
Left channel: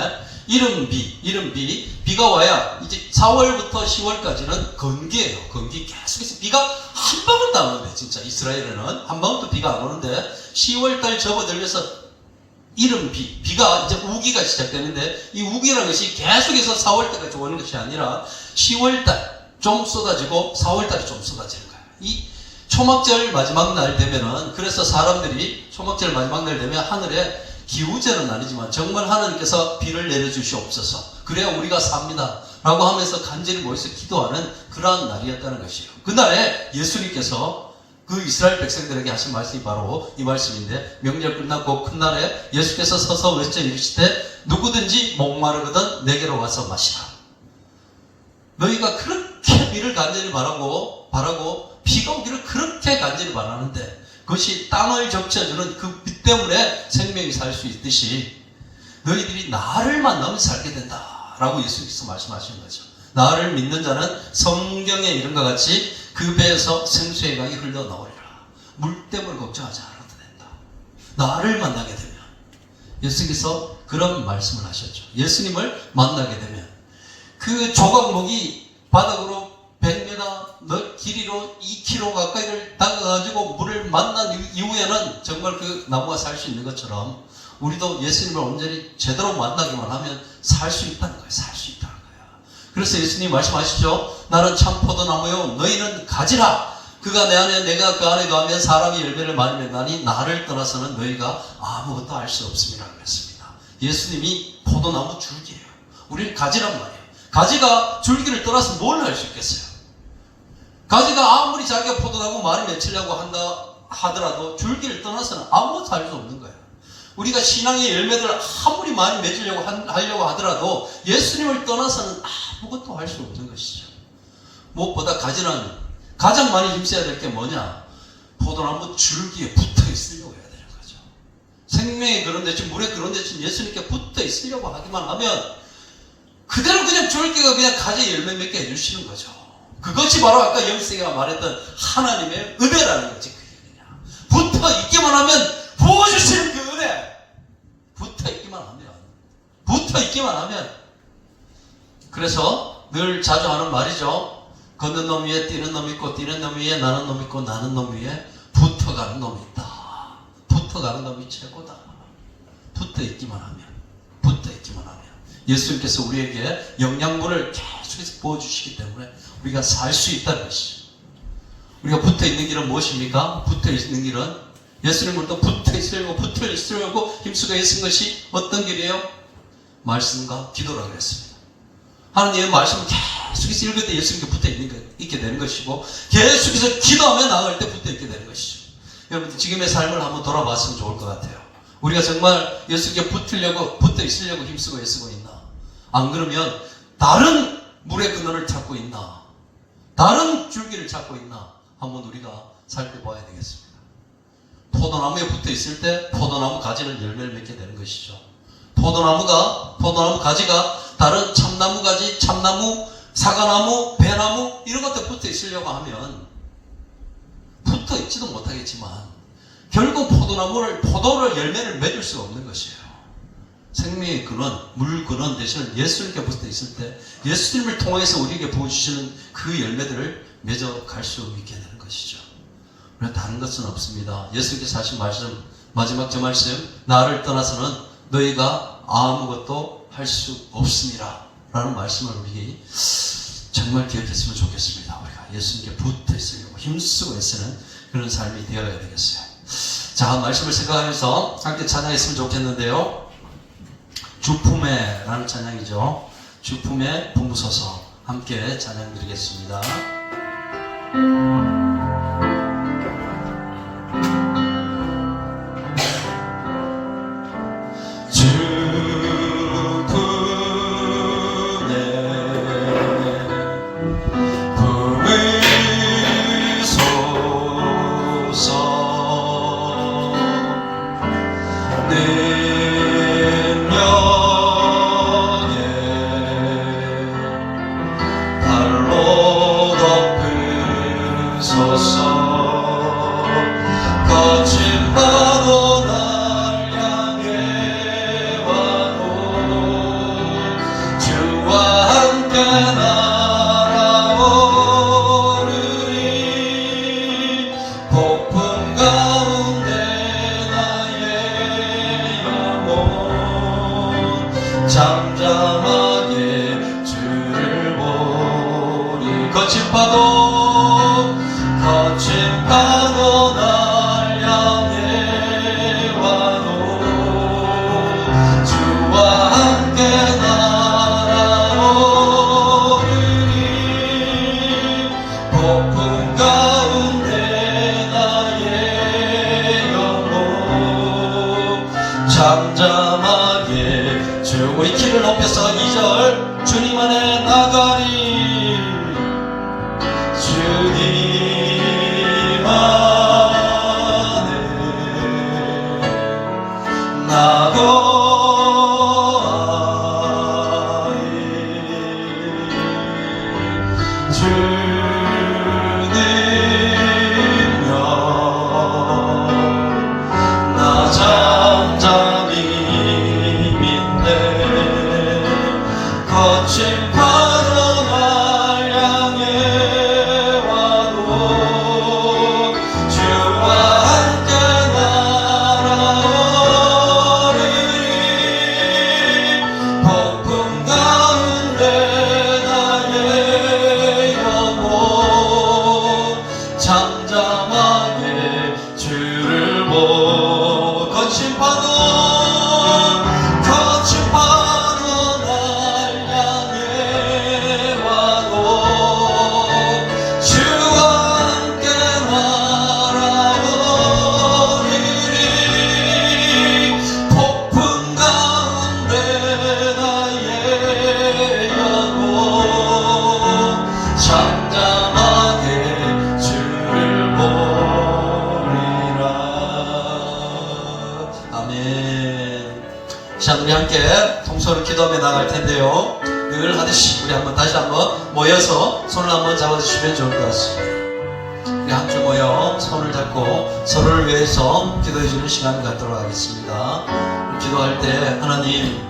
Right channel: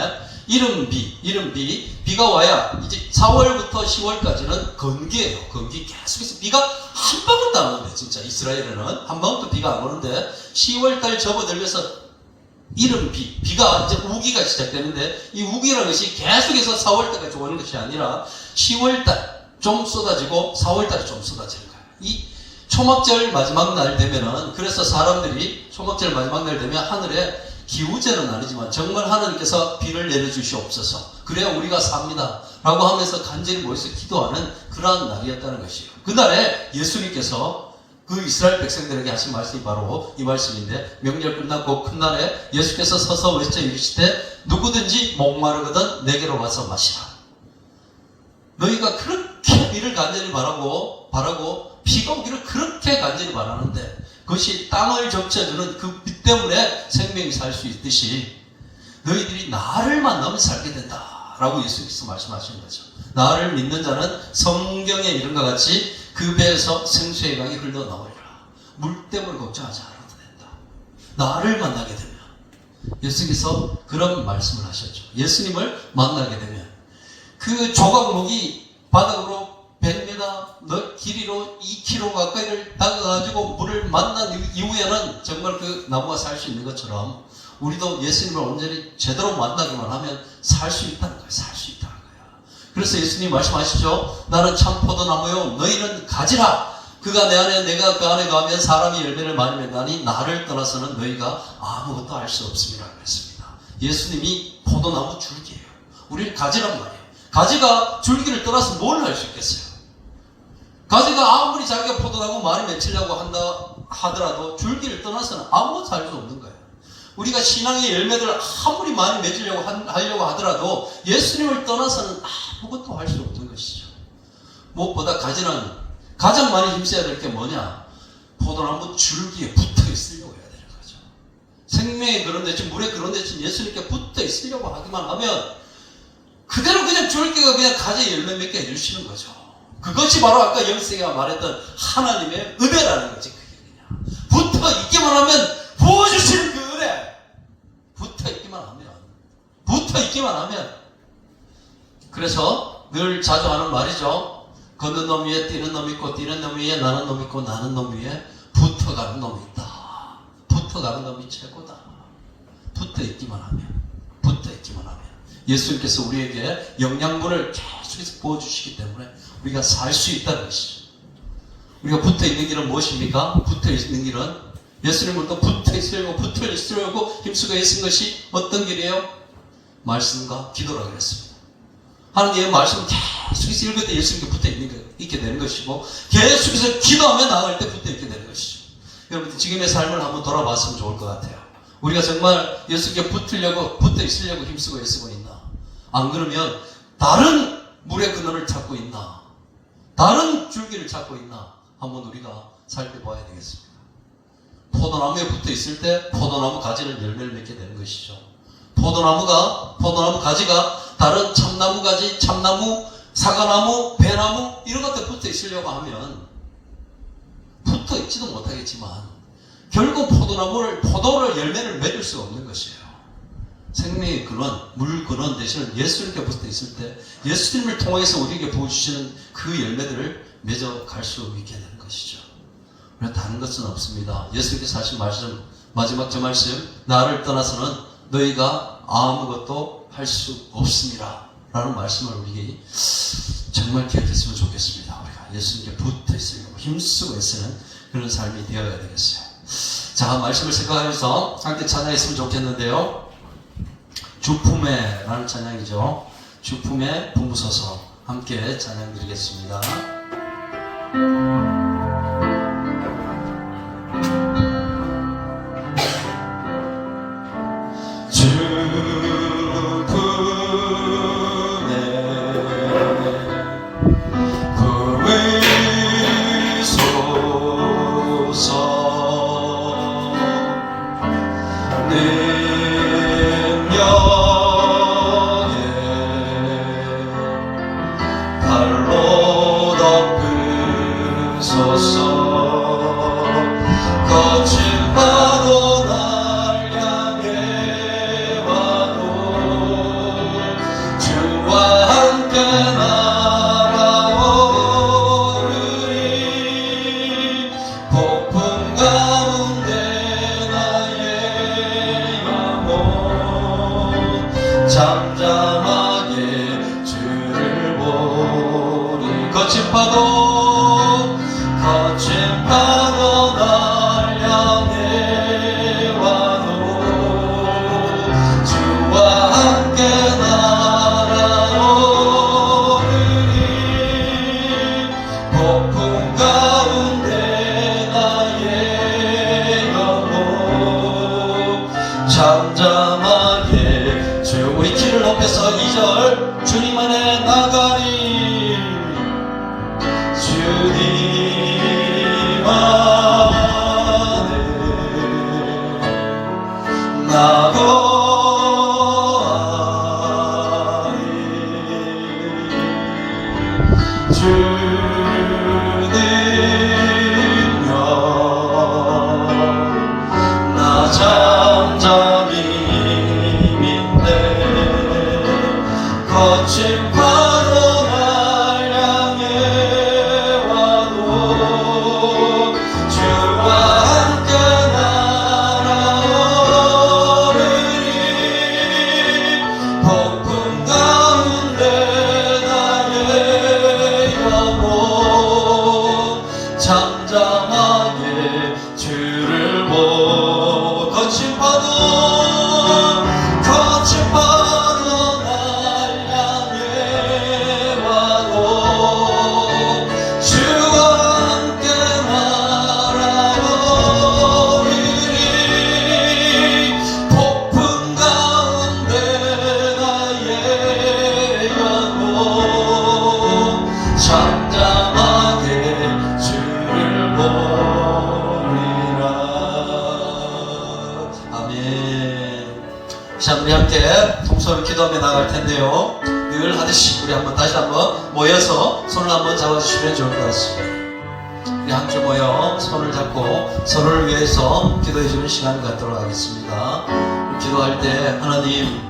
비가 와야 이제 4월부터 10월까지는 건기예요. 건기 계속해서 비가 한 방울도 안 오는데 진짜 이스라엘에는 한 방울도 비가 안 오는데 10월달 접어들면서 비가 이제 우기가 시작되는데 이 우기라는 것이 계속해서 4월달까지 오는 것이 아니라 10월달 좀 쏟아지고 4월달에 좀 쏟아지는 거예요. 이 초막절 마지막 날 되면은 그래서 사람들이 초막절 마지막 날 되면 하늘에 기우제는 아니지만 정말 하나님께서 비를 내려주시옵소서 그래야 우리가 삽니다 라고 하면서 간절히 모여서 기도하는 그러한 날이었다는 것이에요. 그날에 예수님께서 그 이스라엘 백성들에게 하신 말씀이 바로 이 말씀인데 명절 끝나고 큰 날에 예수께서 서서 외쳐 이르시되 누구든지 목마르거든 내게로 와서 마시라. 너희가 그렇게 비를 간절히 바라고 비가 오기를 그렇게 간절히 바라는데 그것이 땅을 적셔주는 그 빛 때문에 생명이 살 수 있듯이 너희들이 나를 만나면 살게 된다라고 예수님께서 말씀하신 거죠. 나를 믿는 자는 성경에 이른 것 같이 그 배에서 생수의 강이 흘러나오리라. 물 때문에 걱정하지 않아도 된다. 나를 만나게 되면 예수님께서 그런 말씀을 하셨죠. 예수님을 만나게 되면 그 조각목이 바닥으로 100m 길이로 2km 가까이를 다가가지고 물을 만난 이후에는 정말 그 나무가 살 수 있는 것처럼 우리도 예수님을 온전히 제대로 만나기만 하면 살 수 있다는 거예요. 살 수 있다는 거예요. 그래서 예수님 말씀하시죠. 나는 참 포도나무요 너희는 가지라. 그가 내 안에 내가 그 안에 가면 사람이 열매를 많이 맺나니 나를 떠나서는 너희가 아무것도 알 수 없음이라 그랬습니다. 예수님이 포도나무 줄기예요. 우리는 가지란 말이에요. 가지가 줄기를 떠나서 뭘 할 수 있겠어요? 가지가 아무리 자기가 포도나무 많이 맺히려고 한다 하더라도 줄기를 떠나서는 아무것도 할 수 없는 거예요. 우리가 신앙의 열매들을 아무리 많이 맺으려고 하려고 하더라도 예수님을 떠나서는 아무것도 할 수 없는 것이죠. 무엇보다 가지는 가장 많이 힘써야 될 게 뭐냐? 포도나무 줄기에 붙어 있으려고 해야 되는 거죠. 생명의 그런 대신 물의 그런 대신 예수님께 붙어 있으려고 하기만 하면 그대로 그냥 줄기가 그냥 가지 열매 맺게 해주시는 거죠. 그것이 바로 아까 영세가 말했던 하나님의 은혜라는 거지. 붙어 있기만 하면 부어주시는 그 은혜. 붙어 있기만 하면. 그래서 늘 자주 하는 말이죠. 걷는 놈 위에 뛰는 놈 있고 뛰는 놈 위에 나는 놈 있고 나는 놈 위에 붙어가는 놈이 있다. 붙어가는 놈이 최고다. 붙어 있기만 하면. 예수님께서 우리에게 영양분을 계속해서 부어주시기 때문에 우리가 살 수 있다는 것이죠. 우리가 붙어있는 길은 무엇입니까? 붙어있는 길은 예수님으로부터 붙어있으려고 힘쓰고 애쓴 것이 어떤 길이에요? 말씀과 기도라고 했습니다. 하나님의 말씀을 계속해서 읽을 때 예수님께 붙어있게 되는 것이고 계속해서 기도하며 나아갈 때 붙어있게 되는 것이죠. 여러분 지금의 삶을 한번 돌아봤으면 좋을 것 같아요. 우리가 정말 예수님께 붙어있으려고 힘쓰고 애쓰고 있나? 안 그러면 다른 물의 근원을 찾고 있나? 다른 줄기를 찾고 있나? 한번 우리가 살펴봐야 되겠습니다. 포도나무에 붙어 있을 때 포도나무 가지는 열매를 맺게 되는 것이죠. 포도나무 가지가 다른 참나무 가지, 참나무, 사과나무, 배나무 이런 것들 붙어 있으려고 하면 붙어 있지도 못하겠지만 결국 포도를 열매를 맺을 수가 없는 것이에요. 생명의 근원, 물 근원 대신에 예수님께 붙어 있을 때 예수님을 통해서 우리에게 부어주시는 그 열매들을 맺어갈 수 있게 되는 것이죠. 우리가 다른 것은 없습니다. 예수님께서 하신 말씀, 마지막 저 말씀, 나를 떠나서는 너희가 아무것도 할 수 없습니다 라는 말씀을 우리 정말 기억했으면 좋겠습니다. 우리가 예수님께 붙어 있으려고 힘쓰고 애쓰는 그런 삶이 되어야 되겠어요. 자, 말씀을 생각하면서 함께 찬양했으면 좋겠는데요. 주품에라는 찬양이죠. 주 품에 품으소서. 함께 찬양 드리겠습니다. 주 품에 품으소서. 능력에 발로 덮으소서. 거친 파도 날 향해 와도 주와 함께 날아오르리. 폭풍 가운데 나의 영혼 잠잠하게 주를 보리. 거친 파도 날 향해 와도 주와 함께 날아오르리. 폭풍 가운데 나의 영혼 잠잠하게 주. 우리 키를 높여서 2절 주님 안에 나가리. 주님 안에 나가리. 주 능력 나 잠잠히 믿네. 거친 파도 날 향해 와도 주와 함께 날아오르리. 폭풍 가운데 나의 영혼 잠잠하게 주를 보고. 거친 파도 날 향해 와도 주와 함께 날아오르리. 폭풍 가운데 나의 영혼 잠잠하게 주를 보리라. 아멘. 자, 우리 함께 통솔을 기도하며 나갈 텐데요. 늘 하듯이 우리 다시 한번 모여서 손을 한번 잡아주시면 좋을 것 같습니다. 우리 함께 모여 손을 잡고 서로를 위해서 기도해주는 시간 갖도록 하겠습니다. 기도할 때 하나님,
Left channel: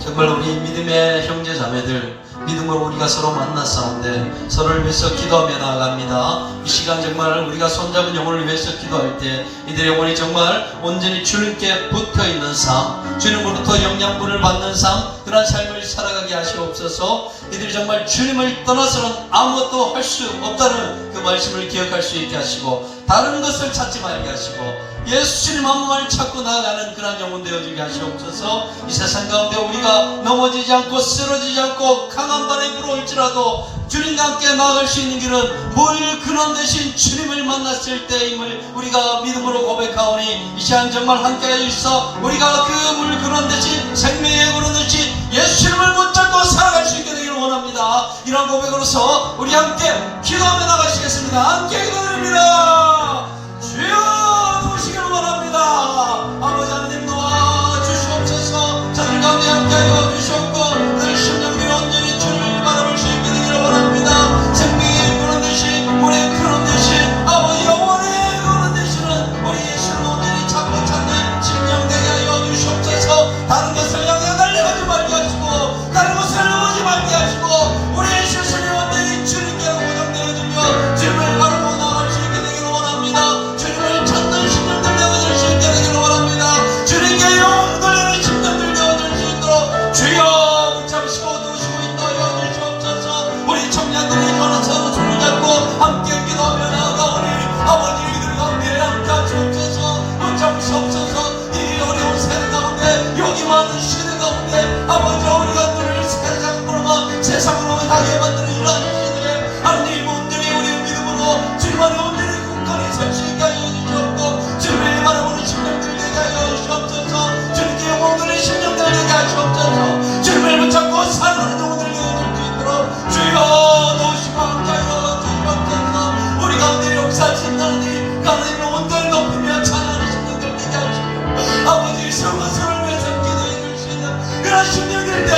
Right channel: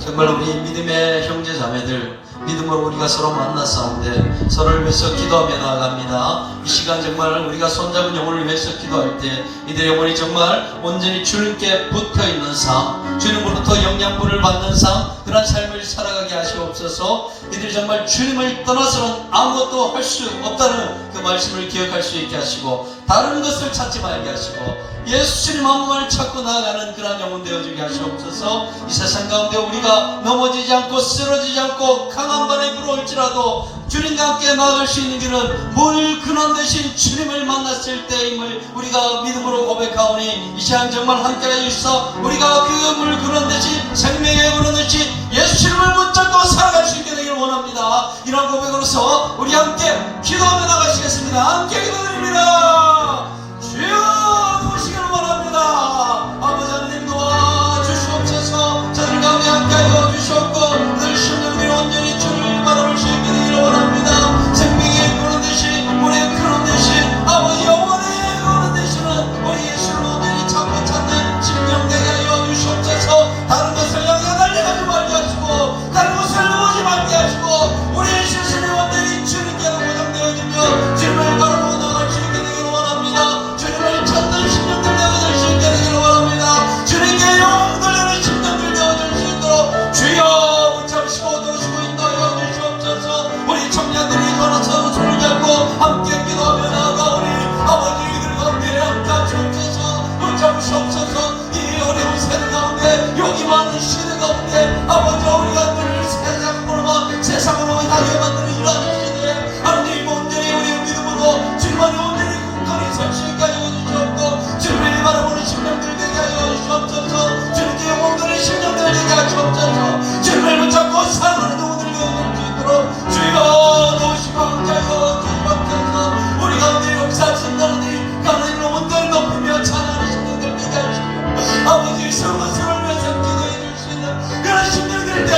정말 우리 믿음의 형제 자매들 믿음으로 우리가 서로 만났사온데 서로를 위해서 기도하며 나아갑니다. 이 시간 정말 우리가 손잡은 영혼을 위해서 기도할 때 이들의 영혼이 정말 온전히 주님께 붙어있는 삶, 주님으로부터 영양분을 받는 삶, 그런 삶을 살아가게 하시옵소서. 이들이 정말 주님을 떠나서는 아무것도 할 수 없다는 그 말씀을 기억할 수 있게 하시고 다른 것을 찾지 말게 하시고 예수님 한 분만 찾고 나아가는 그런 영혼 되어주게 하시옵소서. 이 세상 가운데 우리가 넘어지지 않고 쓰러지지 않고 강한 바람이 불어올지라도 주님과 함께 나아갈 수 있는 길은 물 근원 되신 주님을 만났을 때임을 우리가 믿음으로 고백하오니 이 시간 정말 함께하여 있어 우리가 그 물 근원 되신 생명의 근원 되신 예수님을 붙잡고 살아갈 수 있게 되기를 원합니다. 이런 고백으로서 우리 함께 기도하며 나가시겠습니다. 함께 기도드립니다. 주여 오시기를 원합니다. 아버지 하나님 도와주시옵소서. 저들 가운데 함께하여 주시옵고 늘 심령들이 온전히 주님을 바라볼 수 있게 되기를 원합니다. 생명의 근원 되신 우리의 근원 되신 아버지 영원의 근원 되시는 우리 예수를 온전히 찾고 찾는 심령 되게 하여 주시옵소서. 다른 것을 향해 달려가지 말게 하시고 다른 것을 오지 말게 하시고 우리 예수를 온전히 주님께 고정되어 주며 주님을 바라보고 나갈 수 있게 되기를 원합니다.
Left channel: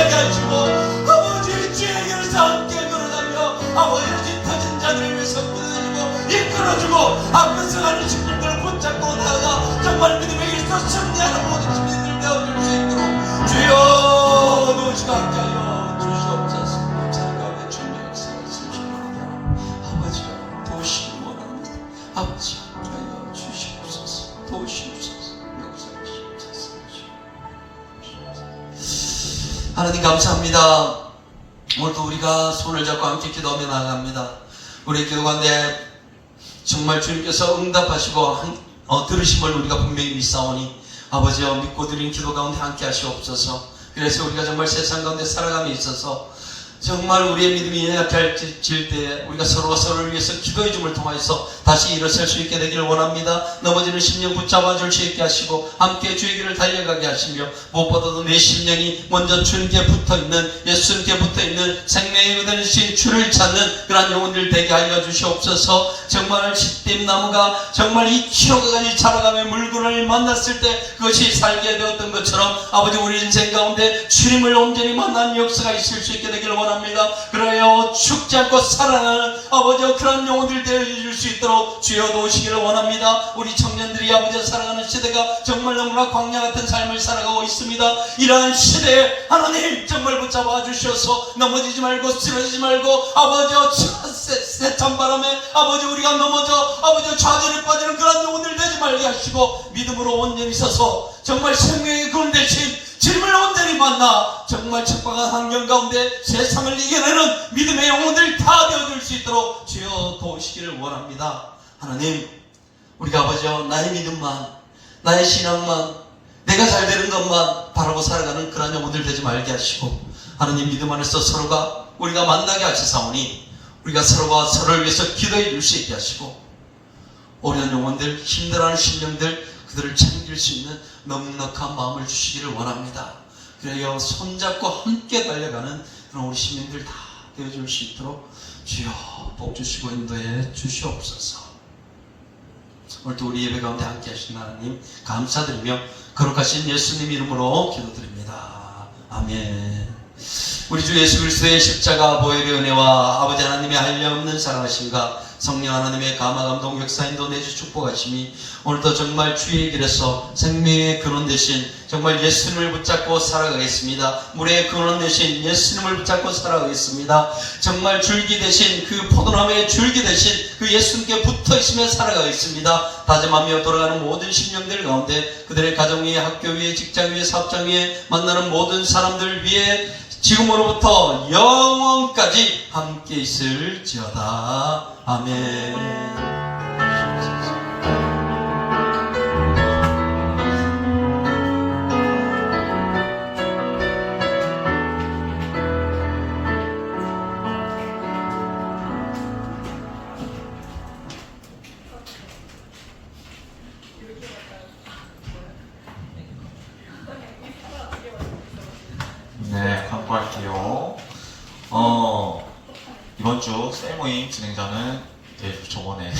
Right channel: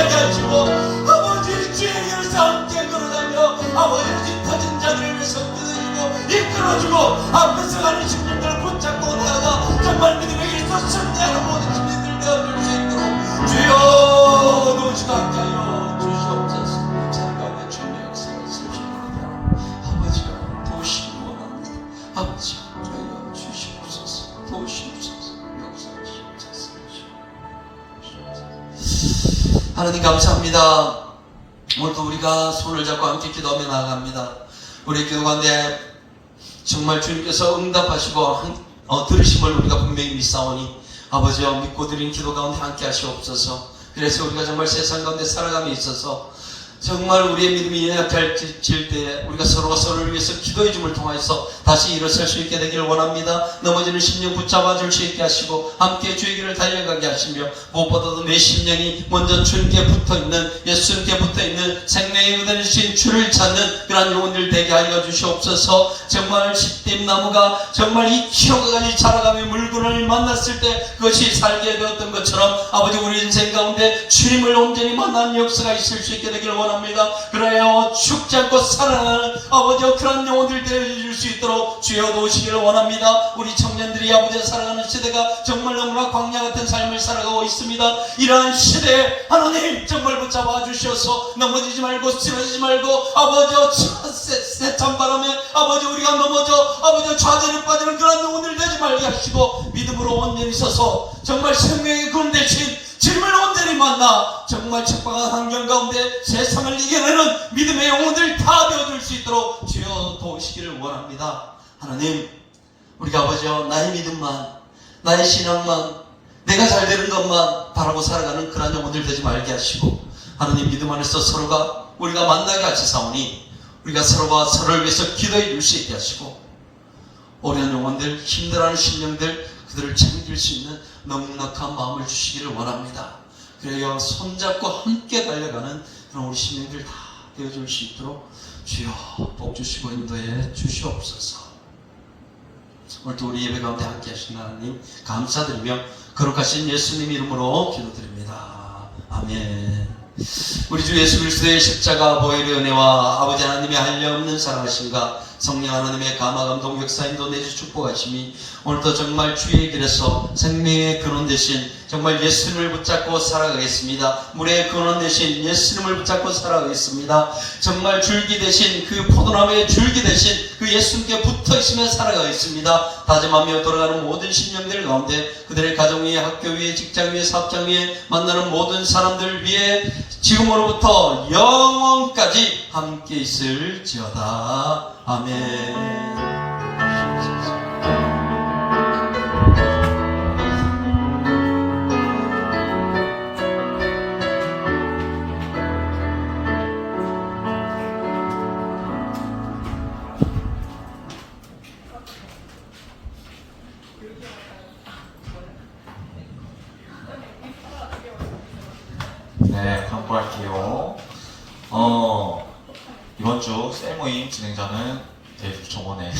하게 하시고 아버지 주의 길에서 함께 걸어가며 아버지 뒤터진 자들을 위해서 꾸짖고 이끌어주고 앞에서 가는 심령들을 붙잡고 나아가 정말 믿음의 길에서 승리하는 모든 주민들 되어줄 수 있도록 주여 도우시고 함께 하여 주시옵소서. 자가의 주님의 역사가 있으시기 바랍니다. 아버지가 도우시기 원합니다. 아버지 하여 주시옵소서. 도우시옵소서. 역사하시옵소서. 하나님 감사합니다. 오늘도 우리가 손을 잡고 함께 기도하며 나아갑니다. 우리 기도 가운데 정말 주님께서 응답하시고 들으심을 우리가 분명히 믿사오니 아버지여 믿고 드리는 기도 가운데 함께 하시옵소서. 그래서 우리가 정말 세상 가운데 살아감에 있어서 정말 우리의 믿음이 약해질 때 우리가 서로가 서로를 위해서 기도해 줌을 통해서 다시 일어설 수 있게 되기를 원합니다. 넘어지는 심령 붙잡아 줄 수 있게 하시고 함께 주의 길을 달려가게 하시며 무엇보다도 내 심령이 먼저 주님께 붙어있는 예수님께 붙어있는 생명의 은혜주신 주를 찾는 그러한 영혼들 되게 하여 주시옵소서. 정말 십빛나무가 정말 2km까지 자라가며 물건을 만났을 때 그것이 살게 되었던 것처럼 아버지 우리 인생 가운데 주님을 온전히 만난 역사가 있을 수 있게 되기를 원합니다. 그래야 죽지 않고 살아나는 아버지와 그런 영혼들 되어줄 수 있도록 주여 도우시기를 원합니다. 우리 청년들이 아버지와 살아가는 시대가 정말 너무나 광야 같은 삶을 살아가고 있습니다. 이러한 시대에 하나님 정말 붙잡아 주셔서 넘어지지 말고 쓰러지지 말고 아버지와 세찬 바람에 아버지 우리가 넘어져 아버지 좌절에 빠지는 그런 영혼들 되지 말게 하시고 믿음으로 온전히 서서 정말 생명의 금 대신 주님을 온전히 만나 정말 척박한 환경 가운데 세상을 이겨내는 믿음의 영혼들 다 되어줄 수 있도록 주여 도우시기를 원합니다. 하나님 우리가 아버지여 나의 믿음만 나의 신앙만 내가 잘 되는 것만 바라고 살아가는 그런 영혼들 되지 말게 하시고 하나님 믿음 안에서 서로가 우리가 만나게 하시사오니 우리가 서로가 서로를 위해서 기도해 줄 수 있게 하시고 오랜 영혼들 힘들어하는 심령들 그들을 챙길 수 있는 넉넉한 마음을 주시기를 원합니다. 그래야 손잡고 함께 달려가는 그런 우리 시민들 다 되어줄 수 있도록 주여 복 주시고 인도해 주시옵소서. 오늘도 우리 예배 가운데 함께 하신 하나님 감사드리며 거룩하신 예수님 이름으로 기도드립니다. 아멘. 우리 주 예수 그리스도의 십자가 보혈의 은혜와 아버지 하나님의 한량없는 사랑하심과 성령 하나님의 감화 감동 역사 인도 내주 축복하심이 오늘도 정말 주의 길에서 생명의 근원 되신 정말 예수님을 붙잡고 살아가겠습니다. 물의 근원 되신 예수님을 붙잡고 살아가겠습니다. 정말 줄기 되신 그 포도나무의 줄기 되신 그 예수님께 붙어있으며 살아가겠습니다. 다짐하며 돌아가는 모든 심령들 가운데 그들의 가정 위에 학교 위에 직장 위에 사업장 위에 만나는 모든 사람들 위에 지금으로부터 영원까지 함께 있을지어다. 아멘. 네, 광고할게요. 이번 주 셀모임 진행자는 대주 정원의